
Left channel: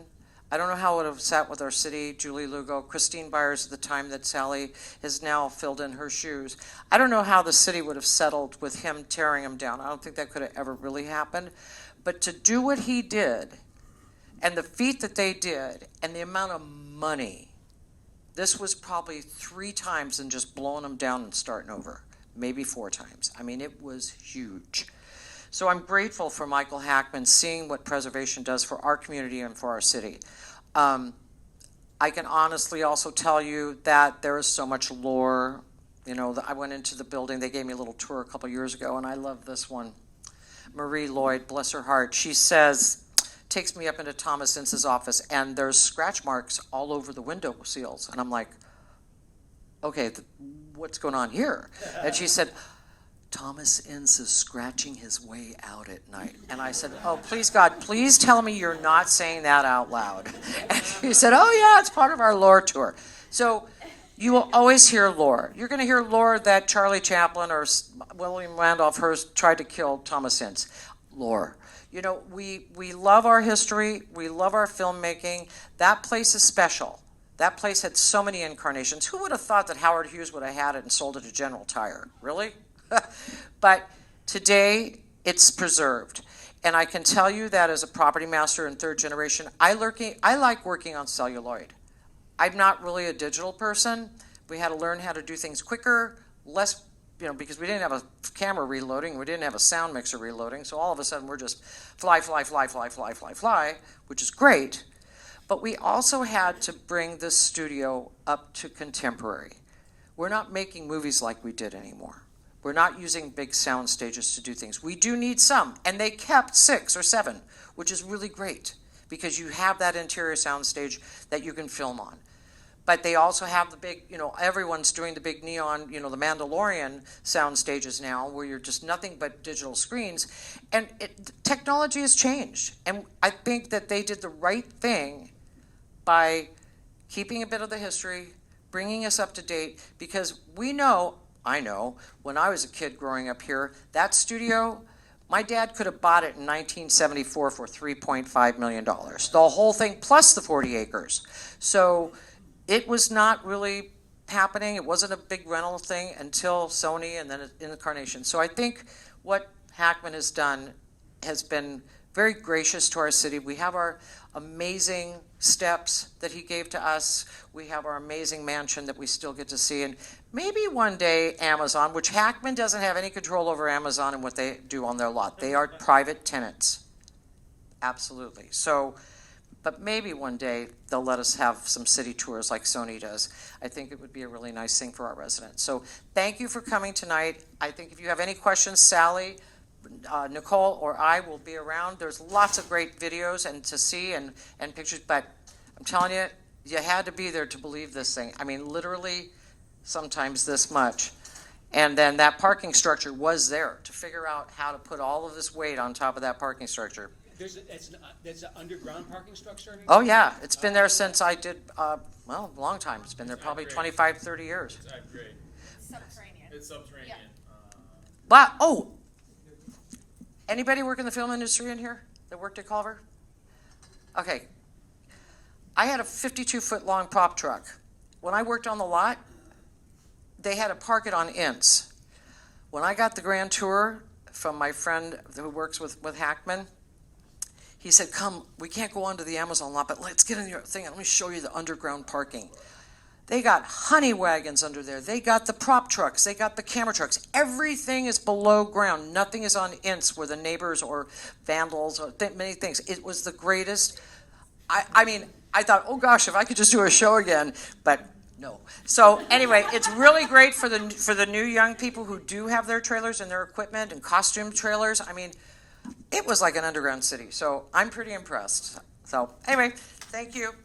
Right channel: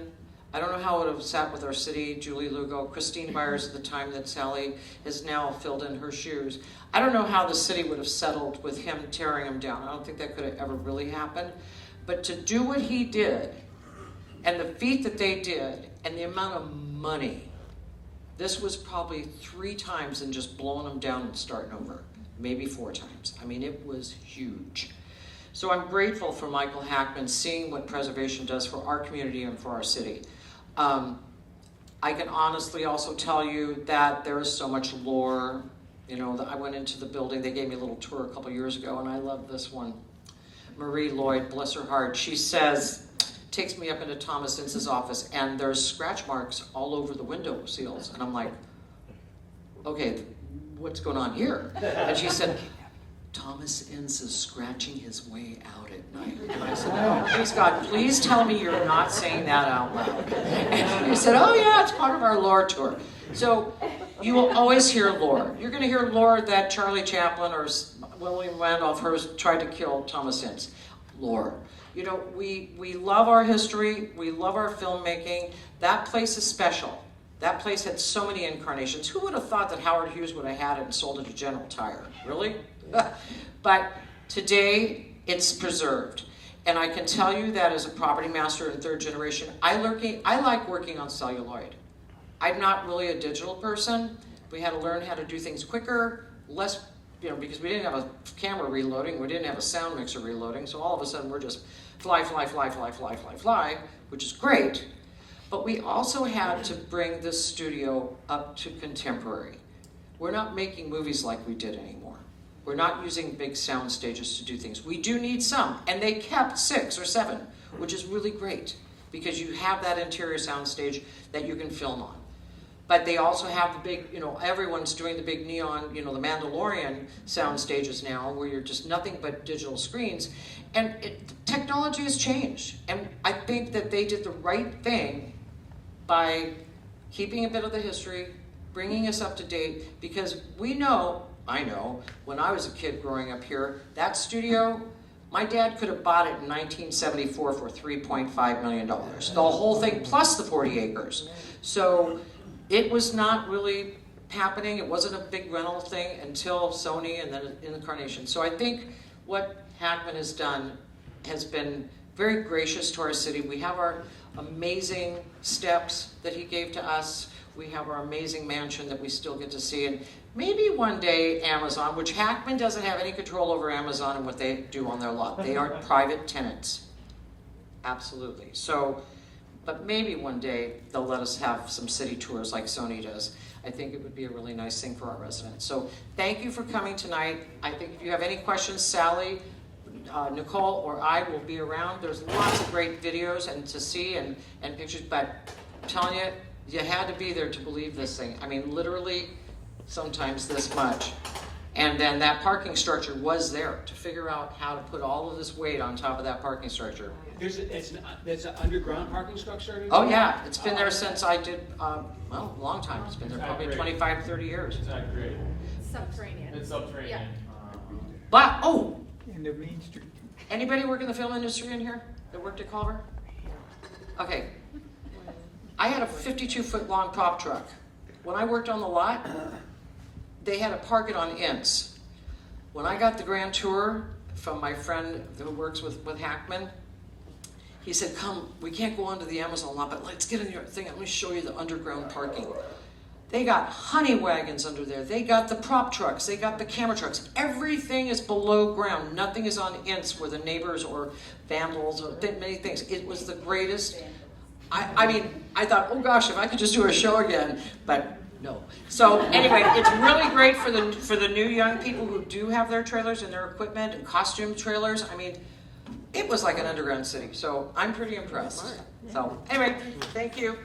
I don't know how it would have sat with our city, Julie Lugo, Christine Byers at the time that Sally has now filled in her shoes. I don't know how the city would have settled with him tearing them down. I don't think that could have ever really happened. But to do what he did, and the feat that they did, and the amount of money, this was probably 3 times than just blowing them down and starting over. Maybe 4 times. I mean, it was huge. So I'm grateful for Michael Hackman seeing what preservation does for our community and for our city. I can honestly also tell you that there is so much lore. I went into the building, they gave me a little tour a couple years ago, and I love this one. Marie Lloyd, bless her heart, she says, takes me up into Thomas Ince's office, and there's scratch marks all over the window seals. And I'm like, okay, what's going on here? And she said, Thomas Ince is scratching his way out at night. And I said, oh, please God, please tell me you're not saying that out loud. And he said, oh yeah, it's part of our lore tour. So you will always hear lore. You're going to hear lore that Charlie Chaplin or William Randolph Hearst tried to kill Thomas Ince. Lore. We love our history. We love our filmmaking. That place is special. That place had so many incarnations. Who would have thought that Howard Hughes would have had it and sold it to General Tire? Really? But today, it's preserved. And I can tell you that as a property master in third generation, I like working on celluloid. I'm not really a digital person. We had to learn how to do things quicker, less, because we didn't have a camera reloading, we didn't have a sound mixer reloading, so all of a sudden we're just fly, which is great. But we also had to bring this studio up to contemporary. We're not making movies like we did anymore. We're not using big sound stages to do things. We do need some, and they kept 6 or 7, which is really great because you have that interior sound stage that you can film on. But they also have the big, everyone's doing the big neon, the Mandalorian sound stages now where you're just nothing but digital screens. And technology has changed. And I think that they did the right thing by keeping a bit of the history, bringing us up to date, because I know, when I was a kid growing up here, that studio, my dad could have bought it in 1974 for $3.5 million. The whole thing plus the 40 acres. So it was not really happening. It wasn't a big rental thing until Sony and then Incarnation. So I think what Hackman has done has been very gracious to our city. We have our amazing steps that he gave to us. We have our amazing mansion that we still get to see. And maybe one day Amazon, which Hackman doesn't have any control over Amazon and what they do on their lot. They are private tenants. Absolutely. So, but maybe one day they'll let us have some city tours like Sony does. I think it would be a really nice thing for our residents. So thank you for coming tonight. I think if you have any questions, Sally, Nicole, or I will be around. There's lots of great videos and to see and pictures, but I'm telling you, you had to be there to believe this thing. I mean, literally, sometimes this much. And then that parking structure was there to figure out how to put all of this weight on top of that parking structure. There's an underground parking structure? Oh yeah, it's been there since I did, a long time. It's been there probably 25, 30 years. It's not great. Subterranean. It's subterranean. But, anybody work in the film industry in here that worked at Culver? Okay. I had a 52-foot long pop truck. When I worked on the lot, they had to park it on ints. When I got the grand tour from my friend who works with Hackman, he said, come, we can't go onto the Amazon lot, but let's get in your thing. Let me show you the underground parking. They got honey wagons under there. They got the prop trucks. They got the camera trucks. Everything is below ground. Nothing is on ints where the neighbors or vandals or many things. It was the greatest. I mean, I thought, oh gosh, if I could just do a show again, but no. So anyway, it's really great for the new young people who do have their trailers and their equipment and costume trailers. I mean, it was like an underground city. So I'm pretty impressed. So anyway, thank you.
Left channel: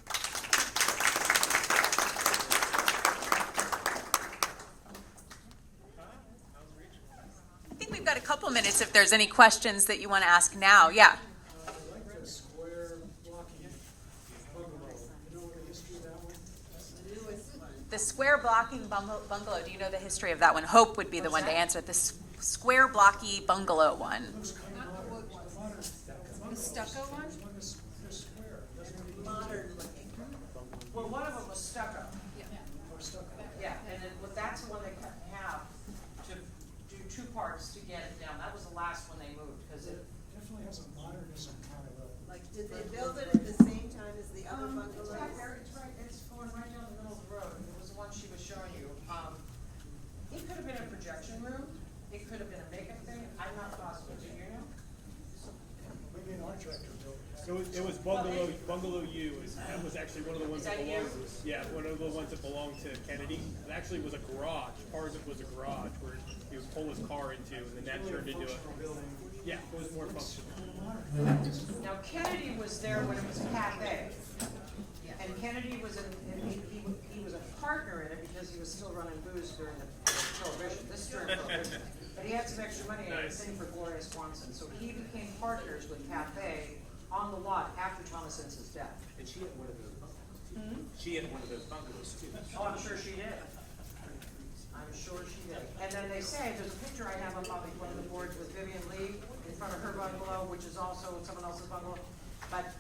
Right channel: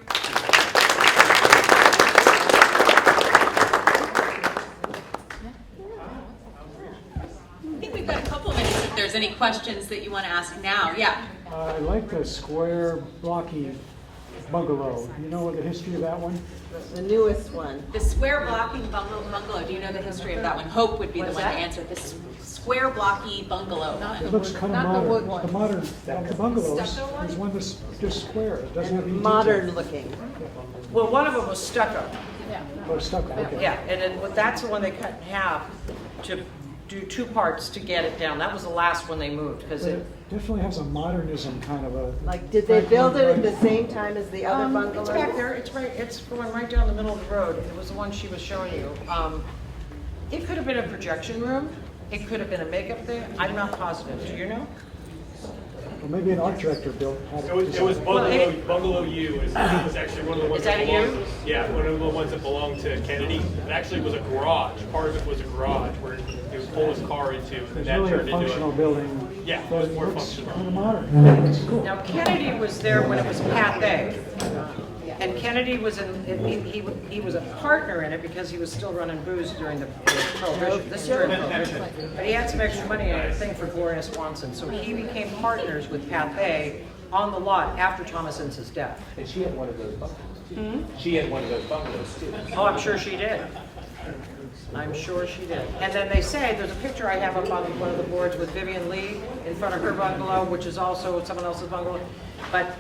I think we've got a couple of minutes if there's any questions that you want to ask now. Yeah. I like the square blocky bungalow. Do you know what the history of that one? The newest one. The square blocking bungalow. Do you know the history of that one? Hope would be the one to answer. This square blocky bungalow one. It looks kind of modern. The modern, the bungalow is one that's just square. It doesn't have any Modern detail. looking. Well, one of them was stucco. Oh, stucco, okay. Yeah, and then that's the one they cut in half to do 2 parts to get it down. That was the last one they moved because But it. it definitely has a modernism kind of a. Like, did they build it at the same time as the other bungalows? It's back there. It's right. It's going right down the middle of the road. It was the one she was showing you. It could have been a projection room. It could have been a makeup thing. I'm not positive. Do you know? Well, maybe an art director built. It was Bungalow U. It was actually one of the ones Is that a belonged. U? Yeah, one of the ones that belonged to Kennedy. It actually was a garage. Part of it was a garage where he would pull his car into, and It's that really turned a into functional building. Yeah, it But was it more looks functional. kind of modern. It's cool. Now Kennedy was there when it was Pathé, and Kennedy was he was a partner in it because he was still running booze during the Prohibition. This is during Prohibition, but he had some extra money and a thing for Gloria Swanson, so he became partners with Pathé on the lot after Thomas Ince's death. And she had one of those bungalows. She had one of those bungalows too. Oh, I'm sure she did. I'm sure she did. And then they say, there's a picture I have up on one of the boards with Vivian Lee in front of her bungalow, which is also someone else's bungalow. But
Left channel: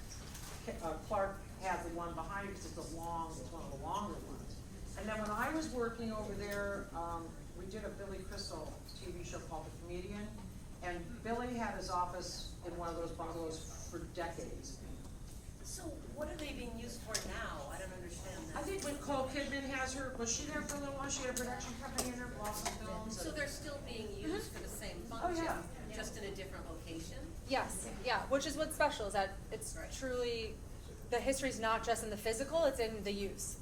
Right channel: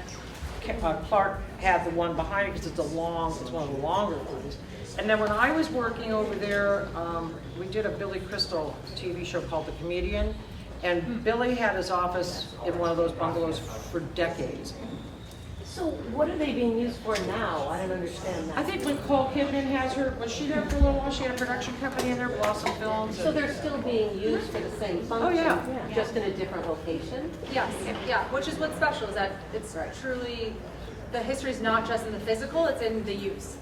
Clark had the one behind it because it's one of the longer ones. And then when I was working over there, we did a Billy Crystal TV show called The Comedian. And Billy had his office in one of those bungalows for decades. So what are they being used for now? I don't understand that. I think Nicole Kidman has her, was she there for a little while? She had a production company in there, Blossom Films. So they're still being used for the same function? yeah. Just in a different location? Yes, yeah, which is what's special, is that it's truly, the history's not just in the physical, it's in the use.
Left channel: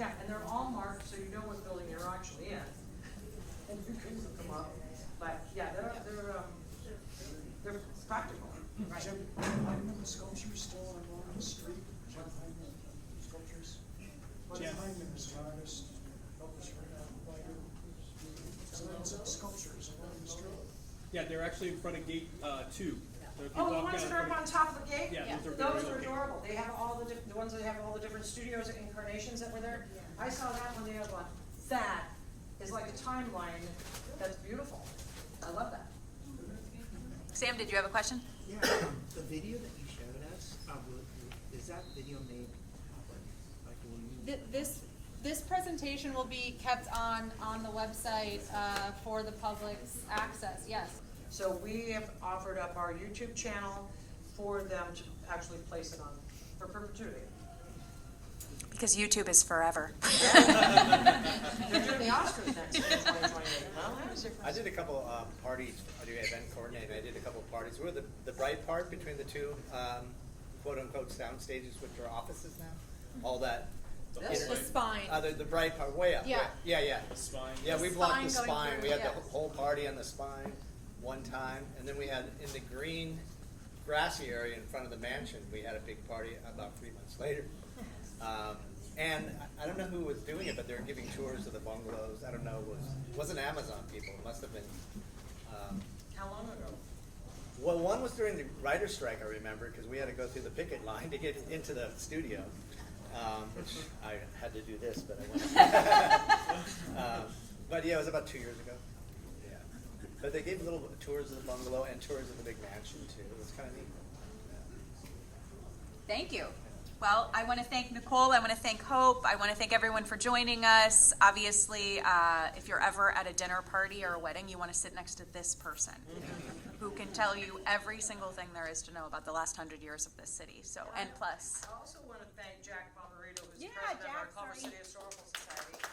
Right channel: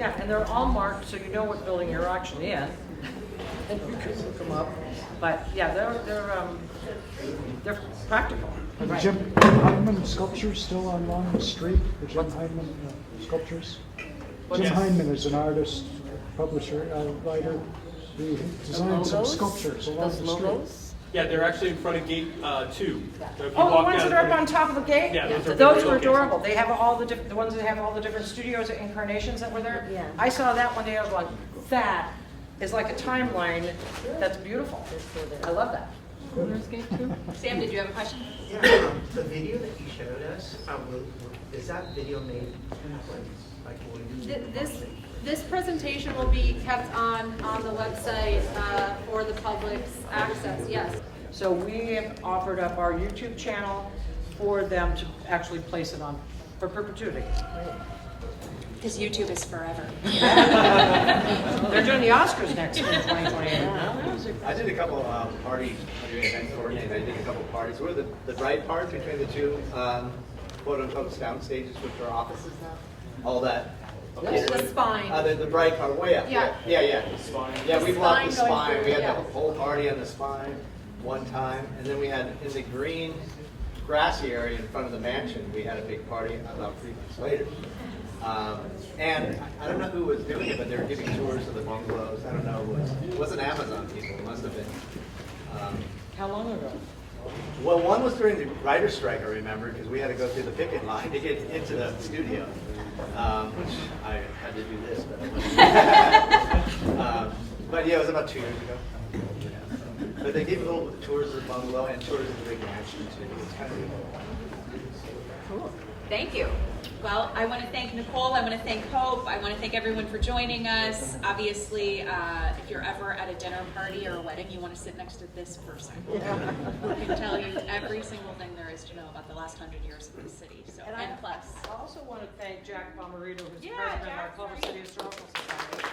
Yeah, and they're all marked so you know what building you're actually in. Look them up. But yeah, they're practical. Right. Jim Heineman sculptures still along the street, the Jim Heineman sculptures? Jim Yes. Heineman is an artist, publisher, writer. He designed some logos? sculptures along Those the street. logos? Yeah, they're actually in front of gate 2. So if you Oh, the walk ones down that are in up on front top of the gate? Yeah, those are Those big were locations. adorable. They have all the different, the ones that have all the different studios and incarnations that were there. Yeah. I saw that one day, I was like, that is like a timeline that's beautiful. I love that. Sam, did you have a question? Yeah, the video that you showed us, is that video made like will you? This presentation will be kept on the website for the public's access, yes. So we have offered up our YouTube channel for them to actually place it on for perpetuity. Because YouTube is forever. They're doing the Oscars next year in 2028. I did a couple parties, event coordinating. I did a couple parties. We're the bright part between the two quote unquote sound stages, which are offices now. All that. The spine. The bright part, way up. Yeah. Yeah. The spine. Yeah, we blocked the spine going spine. through, We had yeah. the whole party on the spine one time, and then we had in the green grassy area in front of the mansion. We had a big party about 3 weeks later. And I don't know who was doing it, but they were giving tours of the bungalows. I don't know, it wasn't Amazon people, it must have been. How long ago? Well, one was during the writer's strike, I remember, because we had to go through the picket line to get into the studio, which I had to do this, but yeah, it was about 2 years ago. Yeah. But they gave little tours of the bungalow and tours of the big mansion too. It was kind of Cool. Thank you. Well, I want to thank Nicole, I want to thank Hope, I want to thank everyone for joining us. Obviously, if you're ever at a dinner party or a wedding, you want to sit next to this person who can tell you every single thing there is to know about the last 100 years of this city, so, and plus. I also want to thank Jack Bomarito, who's Yeah, president of our Jack's Culver right. City Historical Society.